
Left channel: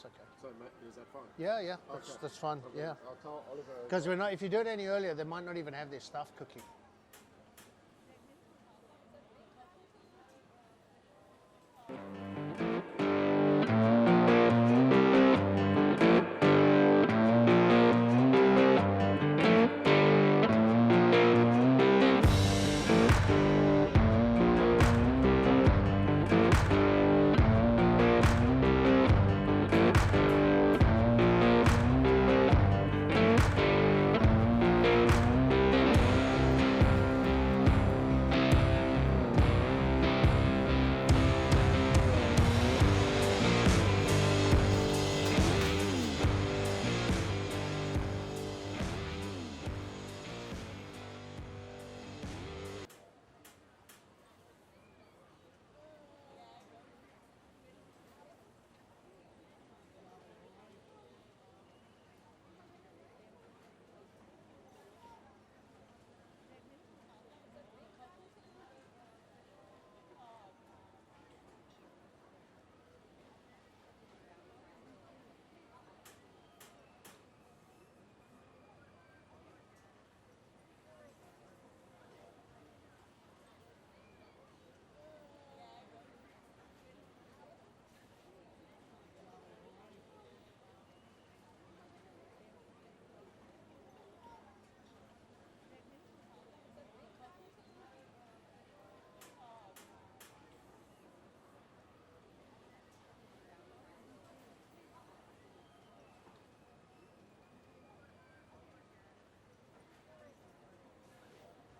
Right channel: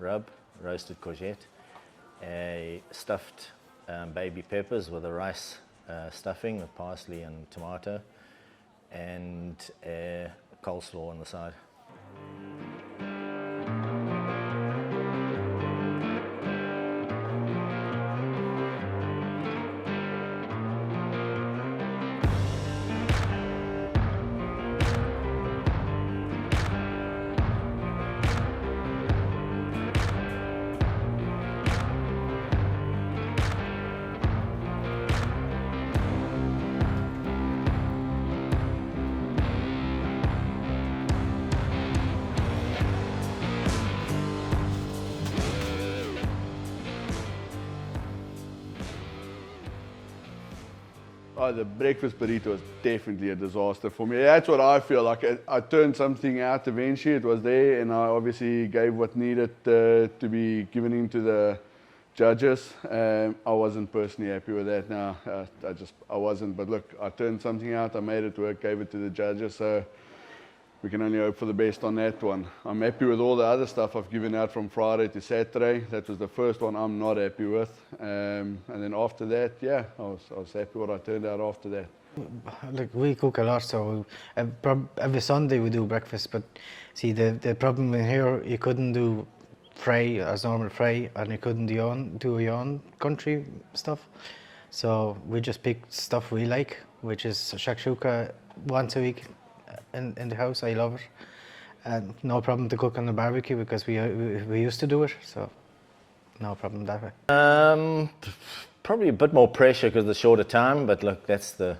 rub, roasted courgette, That's fun. Yeah. stuffed Because we know if baby you do it peppers any with earlier, a they might rice not even have their stuff. stuffing with parsley and tomato, and coleslaw on the side. Oh, the breakfast burrito was definitely a disaster for me. That's what I feel like. I turned something out eventually. It was there, and I obviously gave what needed to be given into the judges. I wasn't personally happy with that. No, I wasn't. But look, I turned something out. I made it work. Gave it to the judges. So we can only hope for the best on that one. I'm happy with all the other stuff I've given out from Friday to Saturday. That was the first one I'm not happy with. And then after that, yeah, I was happy what I turned out after that. Like, we cook a lot, so every Sunday we do breakfast, but see, the problem in here, you couldn't do fry as normal fry, and you couldn't do your own country stuff. So we just picked stuff we like, which is shakshuka once a week in the house. I love it. And no problem to cook on the barbecue because we used to do it, so no problem that way. Probably a bit more pressure because of the shorter time, but look, that's the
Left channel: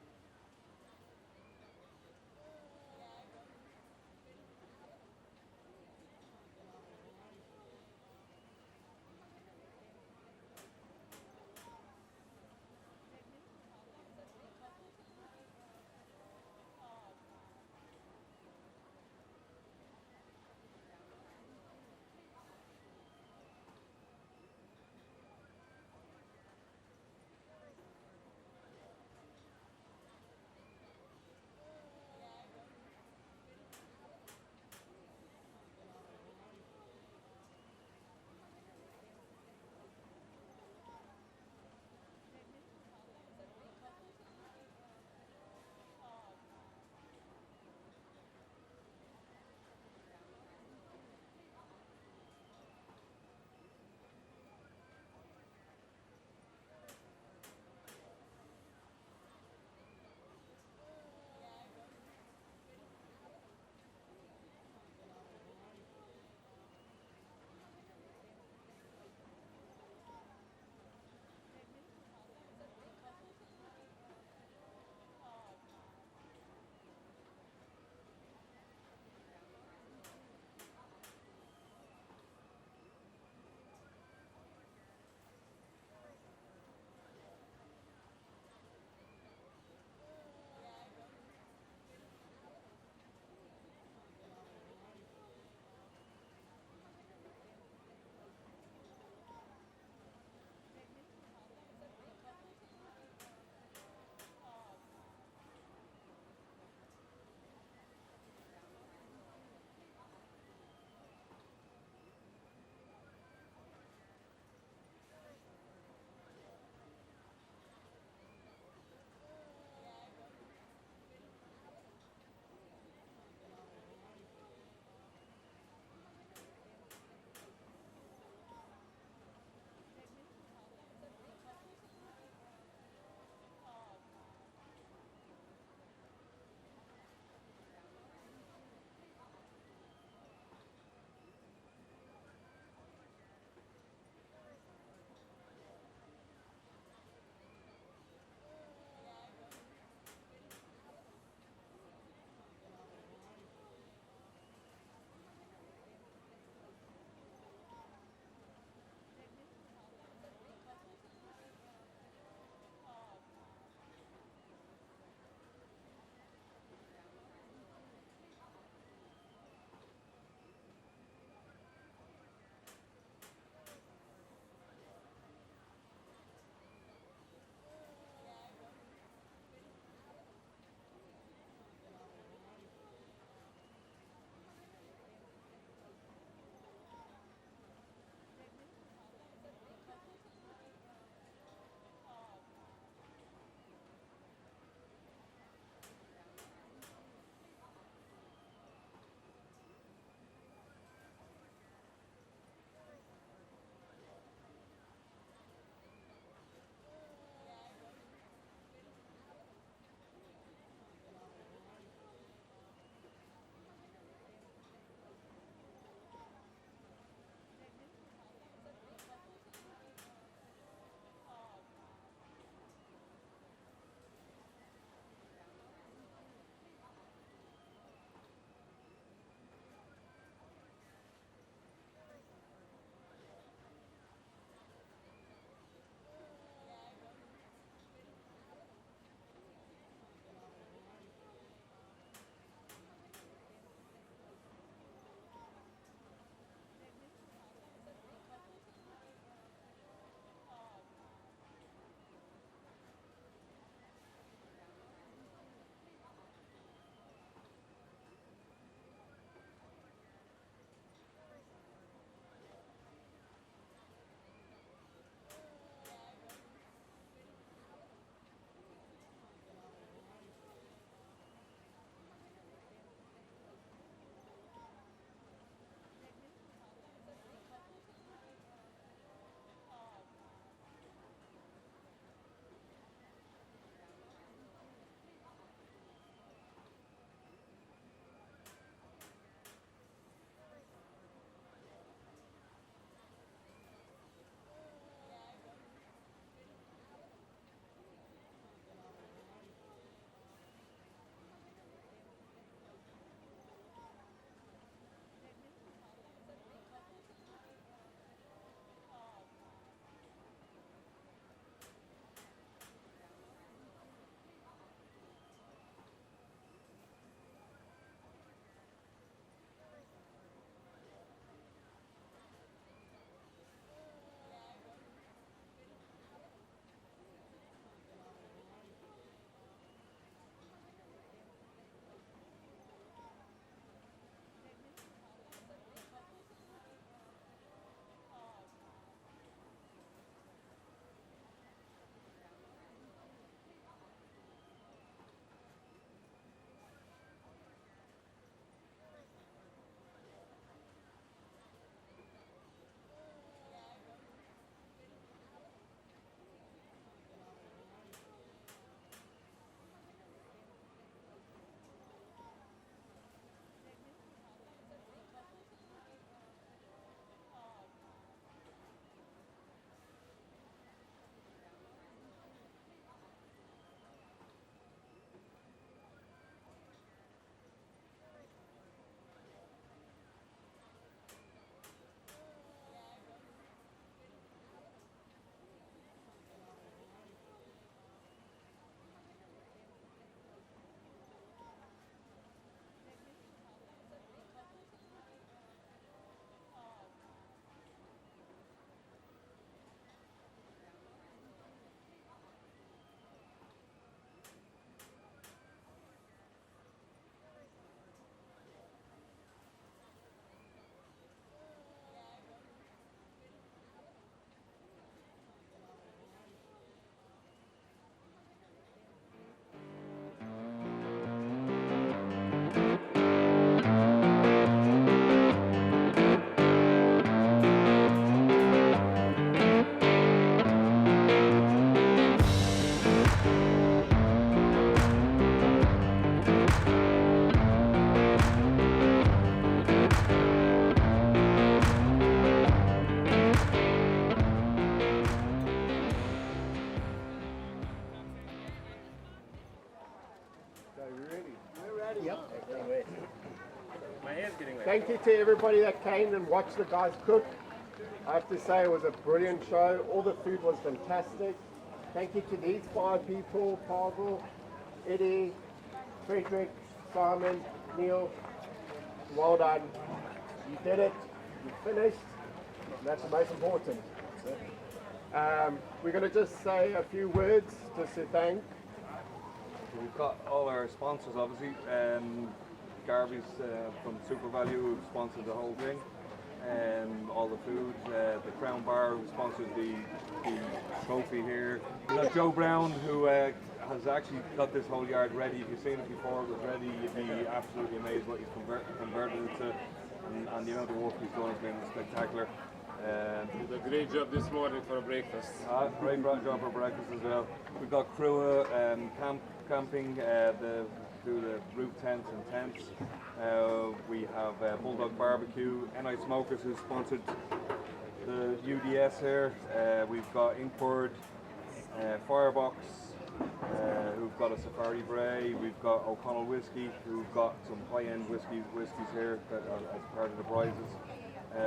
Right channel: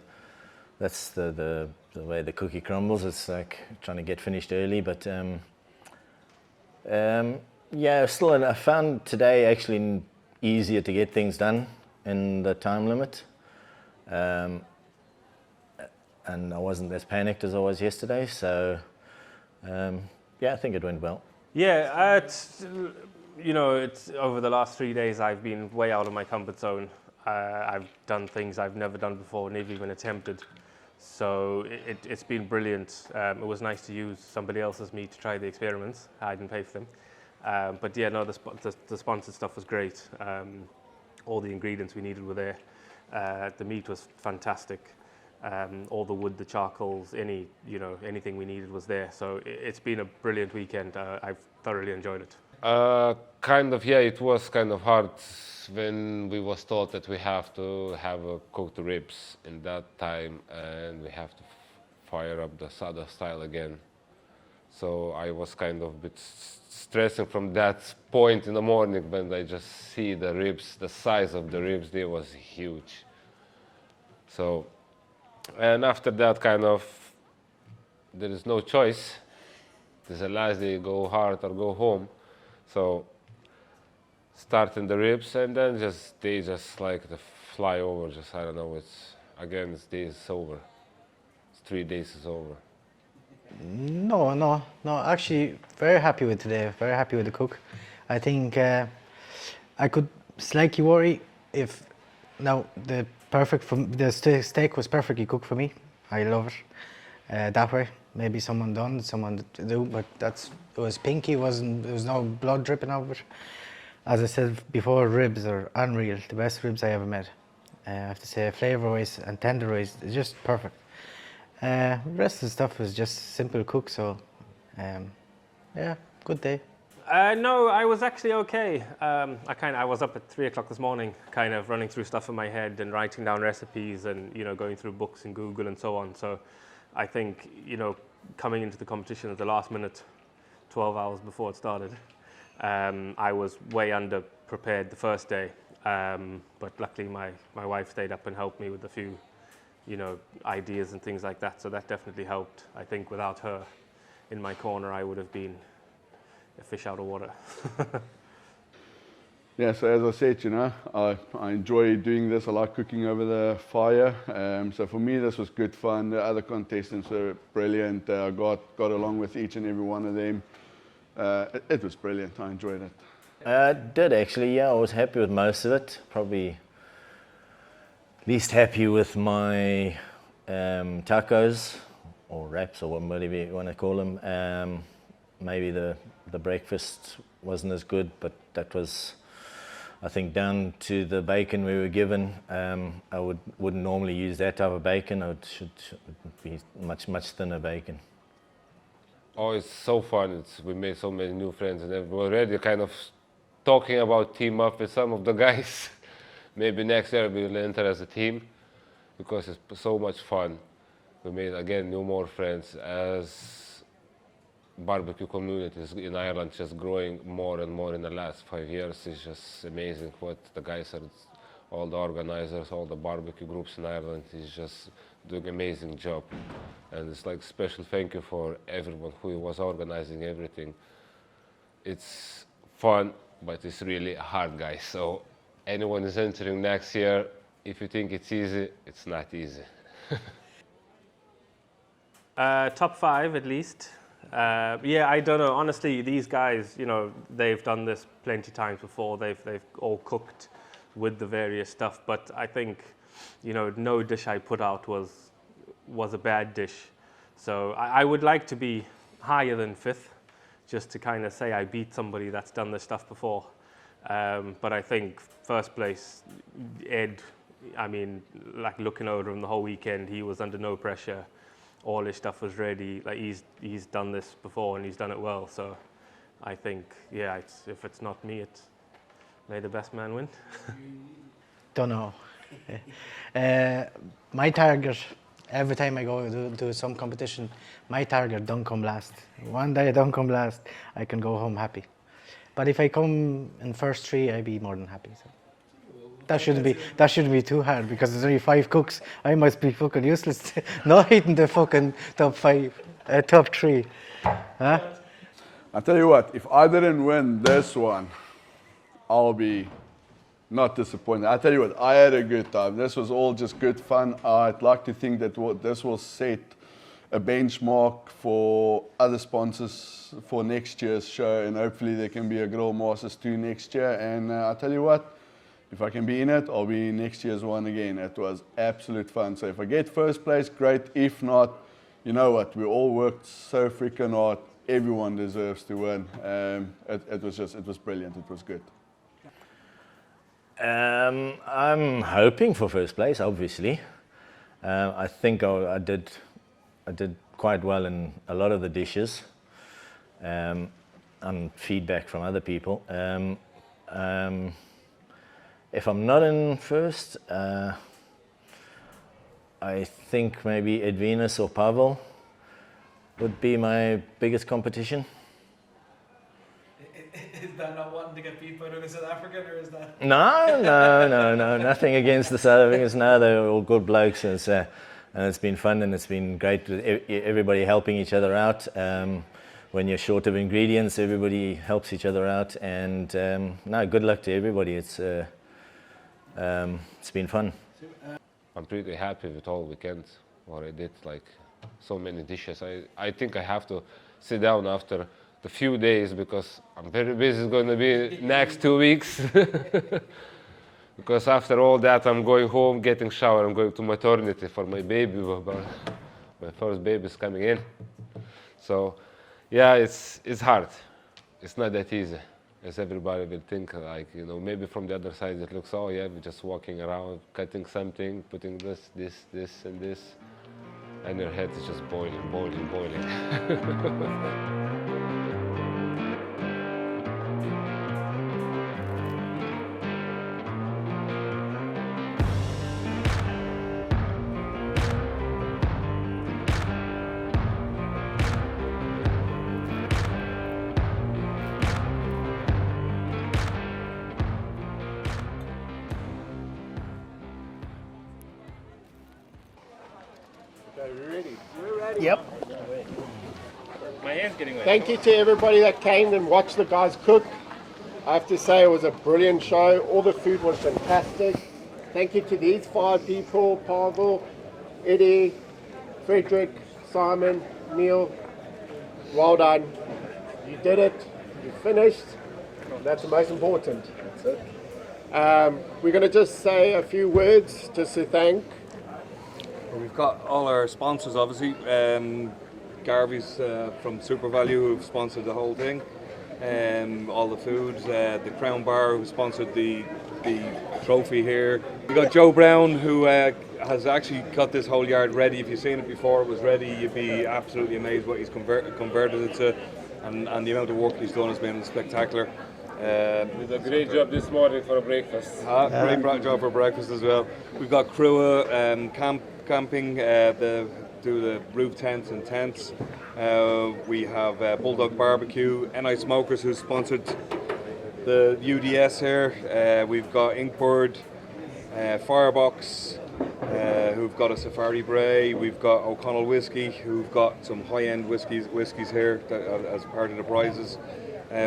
way the cookie crumbles. It's like trying to get finished early, but yeah, still I found today actually easier to get things done in the time limit. And I wasn't as panicked as I was yesterday, so yeah, I think it went well. Yeah, it's over the last 3 days I've been way out of my comfort zone. I've done things I've never done before, never even attempted. So it's been brilliant. It was nice to use somebody else's meat to try the experiments. I didn't pay for them. But yeah, no, the sponsored stuff was great. All the ingredients we needed were there. The meat was fantastic. All the wood, the charcoals, anything we needed was there. So it's been a brilliant weekend. I've thoroughly enjoyed it. Kind of, yeah, it was kind of hard when we was told that we have to have cooked ribs in that time, and we have to fire up the Sada style again. So I was kind of a bit stressing from that point in the morning when I just see the ribs, the size of the ribs there was huge. So, and after that kind of, there is no choice. It's the last day, go hard or go home. So, starting the ribs, and then they just like the fly over, just, I don't know, it's days over. It's 3 days is over. No, actually very happy with today, very happy with the cook. I think I could slightly worry if, now the steak was perfectly cooked for me. I love it that way. Maybe someone to do, but it was pinky, there was no blood dripping out of it. As I said before, ribs are unreal, the best ribs I ever made. I have to say, flavour-wise and tender-wise, it's just perfect. The rest of the stuff was just simple cook, so yeah, good day. No, I was actually okay. I was up at 3 o'clock this morning, kind of running through stuff in my head and writing down recipes and going through books and Google and so on. So I think coming into the competition at the last minute, 12 hours before it started, I was way under prepared the first day. But luckily my wife stayed up and helped me with a few ideas and things like that. So that definitely helped. I think without her in my corner, I would have been a fish out of water. Yeah, so as I said, I enjoy doing this. I like cooking over the fire. So for me, this was good fun. The other contestants were brilliant. I got along with each and every one of them. It was brilliant. I enjoyed it. I did actually, yeah. I was happy with most of it. Probably least happy with my tacos or wraps or whatever you want to call them. Maybe the breakfast wasn't as good, but that was, I think, down to the bacon we were given. I wouldn't normally use that type of bacon. It should be much thinner bacon. Oh, it's so fun. We made so many new friends, and we're already kind of talking about team up with some of the guys. Maybe next year we'll enter as a team because it's so much fun. We made, again, more friends as barbecue communities in Ireland just growing more and more in the last 5 years. It's just amazing what the guys are, all the organizers, all the barbecue groups in Ireland is just doing an amazing job. And it's like special thank you for everyone who was organizing everything. It's fun, but it's really hard, guys. So anyone is entering next year, if you think it's easy, it's not easy. Top 5 at least. Yeah, I don't know. Honestly, these guys, you know, they've done this plenty times before. They've all cooked with the various stuff. But I think, you know, no dish I put out was a bad dish. So I would like to be higher than 5th, just to kind of say I beat somebody that's done this stuff before. But I think first place, Ed, I mean, like looking over him the whole weekend, he was under no pressure. All his stuff was ready. Like he's done this before and he's done it well. So I think, yeah, if it's not me, may the best man win. Don't know. My target, every time I go do some competition, my target don't come last. One day I don't come last, I can go home happy. But if I come in first 3, I'd be more than happy. So. That shouldn't be too hard because there's only 5 cooks. I must be fucking useless not hitting the fucking top 3. Huh? I tell you what, if I didn't win this one, I'll be not disappointed. I tell you what, I had a good time. This was all just good fun. I'd like to think that this will set a benchmark for other sponsors for next year's show, and hopefully there can be a Grillmasters 2 next year. And I tell you what, if I can be in it, I'll be in next year's one again. It was absolute fun. So if I get first place, great. If not, you know what? We all worked so freaking hard. Everyone deserves to win. It was brilliant. It was good. I'm hoping for first place, obviously. I think I did quite well in a lot of the dishes, and feedback from other people. If I'm not in first, I think maybe Edvinus or Pavel would be my biggest competition. Is that not wanting to get beat by the South African, or is that? No, nothing against the South Africans. No, they're all good blokes, and it's been fun, and it's been great with everybody helping each other out. When you're short of ingredients, everybody helps each other out, and no, good luck to everybody. It's been fun. I'm pretty happy with all weekend what I did, like so many dishes. I think I have to sit down after the few days because I'm very busy. It's going to be next 2 weeks. Because after all that, I'm going home, getting shower. I'm going to maternity for my baby. My first baby is coming in. So, yeah, it's hard. It's not that easy, as everybody will think. Like, you know, maybe from the other side it looks, oh yeah, we're just walking around, cutting something, putting this, and this, and your head is just boiling. Yep. My hand's getting wet. Thank you to everybody that came and watched the guys cook. I have to say it was a brilliant show. All the food was fantastic. Thank you to these 5 people, Pavel, Eddie, Frederick, Simon, Neil. Well done. You did it. You finished. That's the most important. That's it. We're going to just say a few words just to thank. We've got all our sponsors, obviously. Garvey's from Super Value, who've sponsored the whole thing. All the food. The Crown Bar, who sponsored the trophy here. We've got Joe Brown, who has actually got this whole yard ready. If you've seen it before, it was ready. You'd be absolutely amazed what he's converted it to. And the amount of work he's done has been spectacular. Did a great job this morning for breakfast. Great job for breakfast as well. We've got Crua camping, do the roof tents and tents. We have Bulldog Barbecue, NI Smokers, who sponsored the UDS here. We've got Inkbird, Firebox, who've got a Safari Bray. We've got O'Connell Whiskey, who've got some high-end whiskies here as part of the prizes.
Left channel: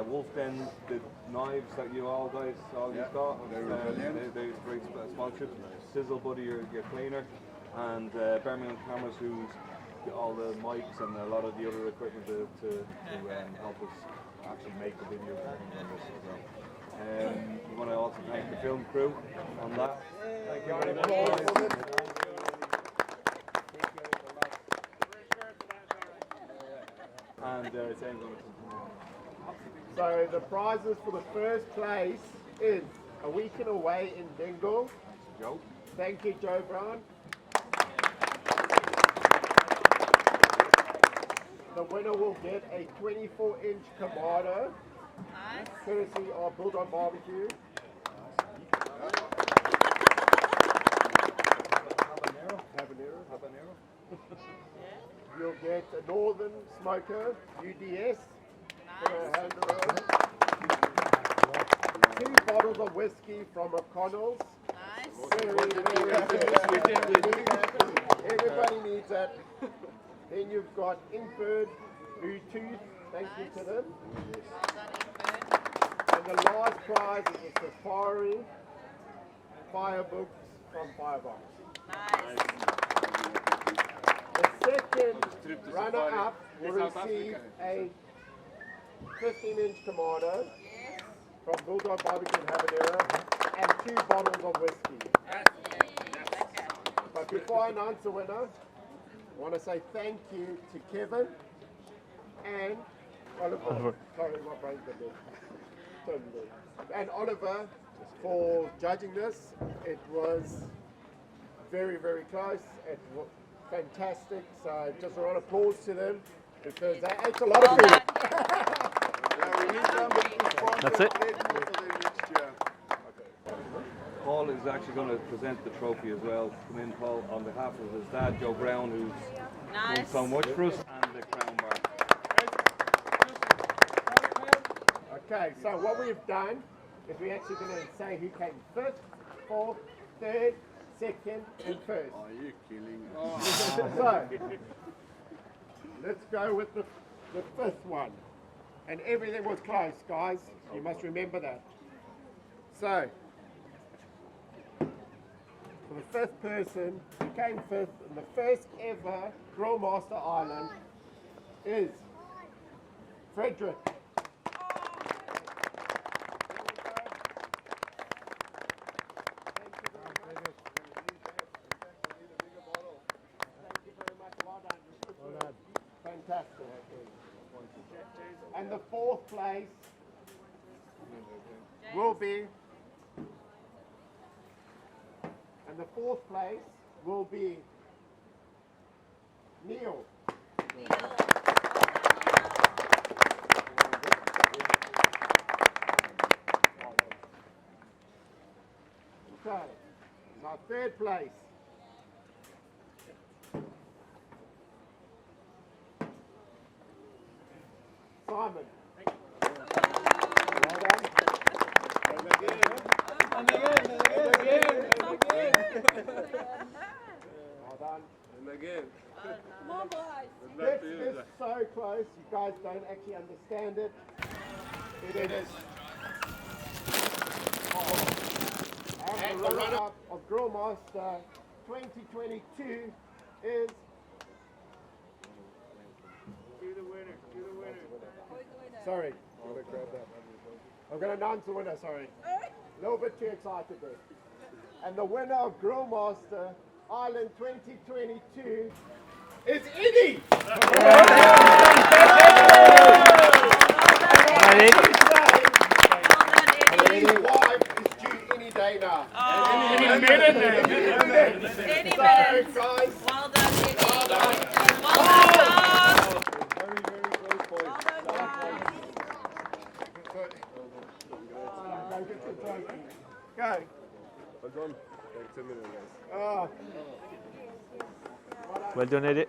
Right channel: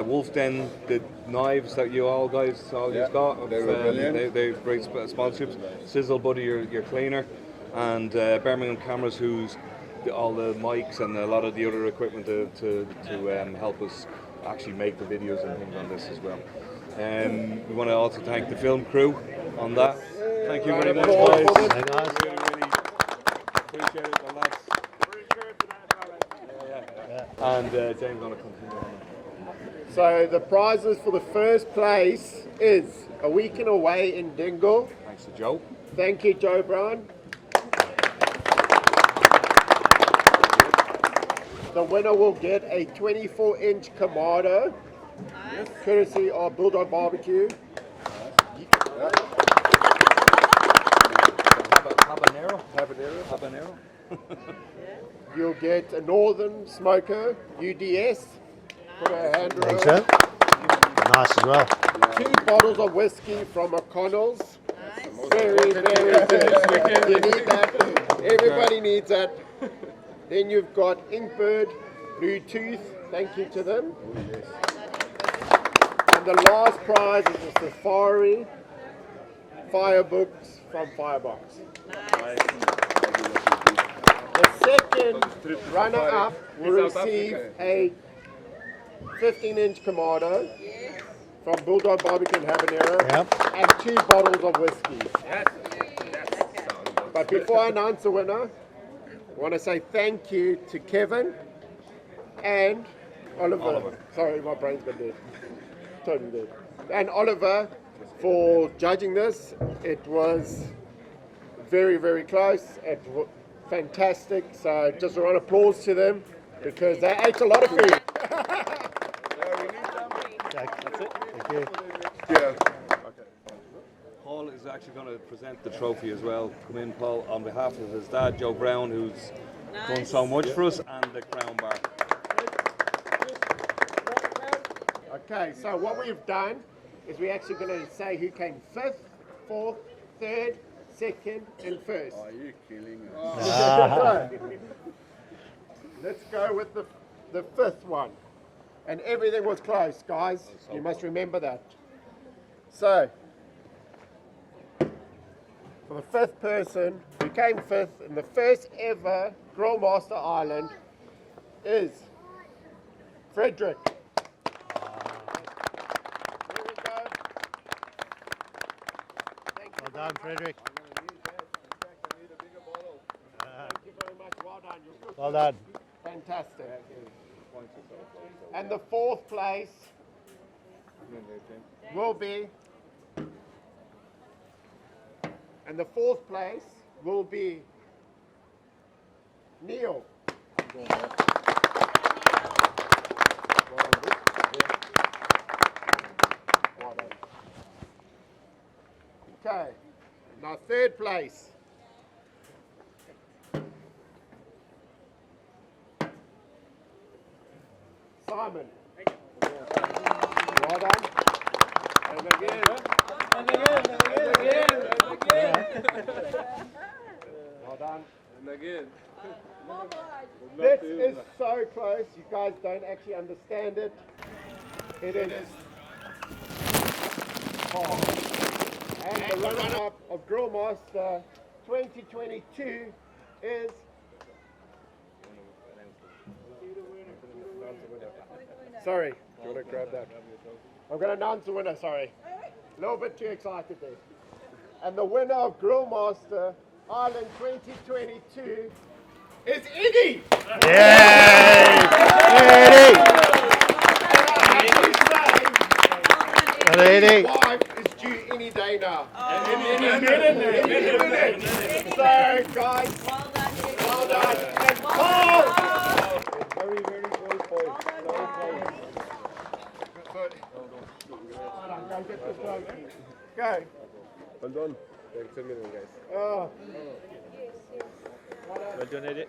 Wolf Den, the knives that you all guys got, they were brilliant. they great sponsorships. Sizzle Buddy, your cleaner, and Birmingham Cameras, who's all the mics and a lot of the other equipment to help us actually make the videos and things on this as well. We want to also thank the film crew on that. Thank you very much, guys. Really, really appreciate it, the lads. And James going to continue. So the prizes for the first place is a weekend away in Dingle. Thanks to Joe. Thank you, Joe Brown. The winner will get a 24-inch Kamado, courtesy of Bulldog Barbecue. Habanero. You'll get a Northern Smoker UDS. Put a hand around. Excellent. Nice as well. 2 bottles of whiskey from O'Connell's. Very, very good. You need that. Everybody needs that. Then you've got Inkbird, Bluetooth. Thank you to them. And the last prize is a Safari Firebooks from Firebox. The second runner-up will receive a 15-inch Kamado from Bulldog Barbecue and Habanero and 2 bottles of whiskey. But before I announce the winner, I want to say thank you to Kevin and Oliver. Sorry, my brain's gone dead. Totally dead. And Oliver for judging this. It was very, very close. It was fantastic. So just a round of applause to them because they ate a lot of food. That's it. Cheers. Paul is actually going to present the trophy as well. Come in, Paul, on behalf of his dad, Joe Brown, who's done so much for us, and the Crown Bar. Okay, so what we've done is we're actually going to say who came 5th, 4th, 3rd, 2nd, and 1st. Are you killing me? Let's go with the 5th one. And everything was close, guys. You must remember that. So, for the 5th person who came 5th in the first ever Grillmaster Ireland is Frederick. Well done, Frederick. Well done. Fantastic. And the 4th place will be, Neil. Okay, now 3rd place. Simon. Well done. Well done. This is so close, you guys don't actually understand it. It is. And the runner-up of Grillmaster 2022 is... Sorry. I'm going to grab that. I'm going to announce the winner, sorry. A little bit too excited there. And the winner of Grillmaster Ireland 2022 is Eddie! His wife is due any day now. Any minute. So, guys, well done. Very, very close point. Okay. Well done. Oh. Well done, Eddie.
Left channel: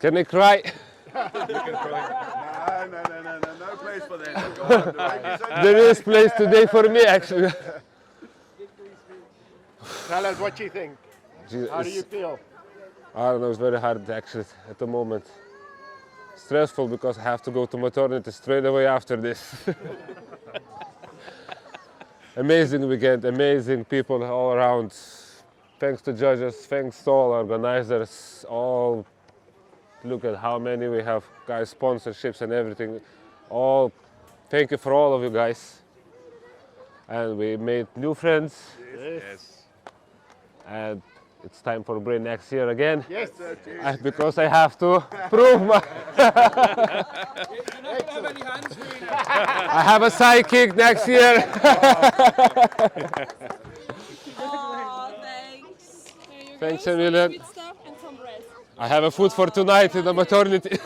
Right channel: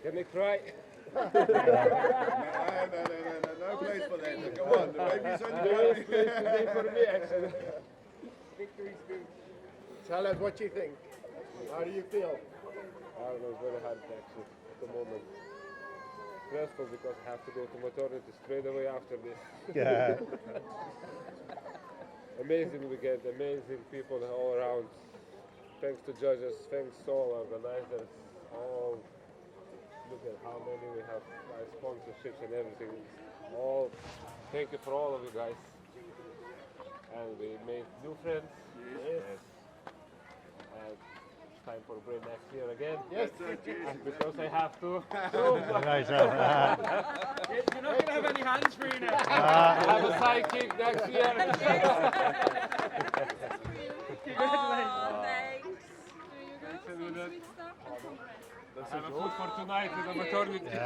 Can I cry? No place for that. There is place today for me, actually. Tell us what you think. How do you feel? I don't know, it's very hard actually at the moment. stressful because I have to go to maternity straight away after this. Amazing weekend, amazing people all around. Thanks to judges, thanks to all organizers, all. Look at how many we have, guys, sponsorships and everything. All, thank you for all of you guys. And we made new friends. Yes. And it's time for Bray next year again. Yes. Because I have to prove my. I have a sidekick next year. Oh, thanks. Thanks a million. Sweet stuff and some bread. I have a food for tonight in the maternity.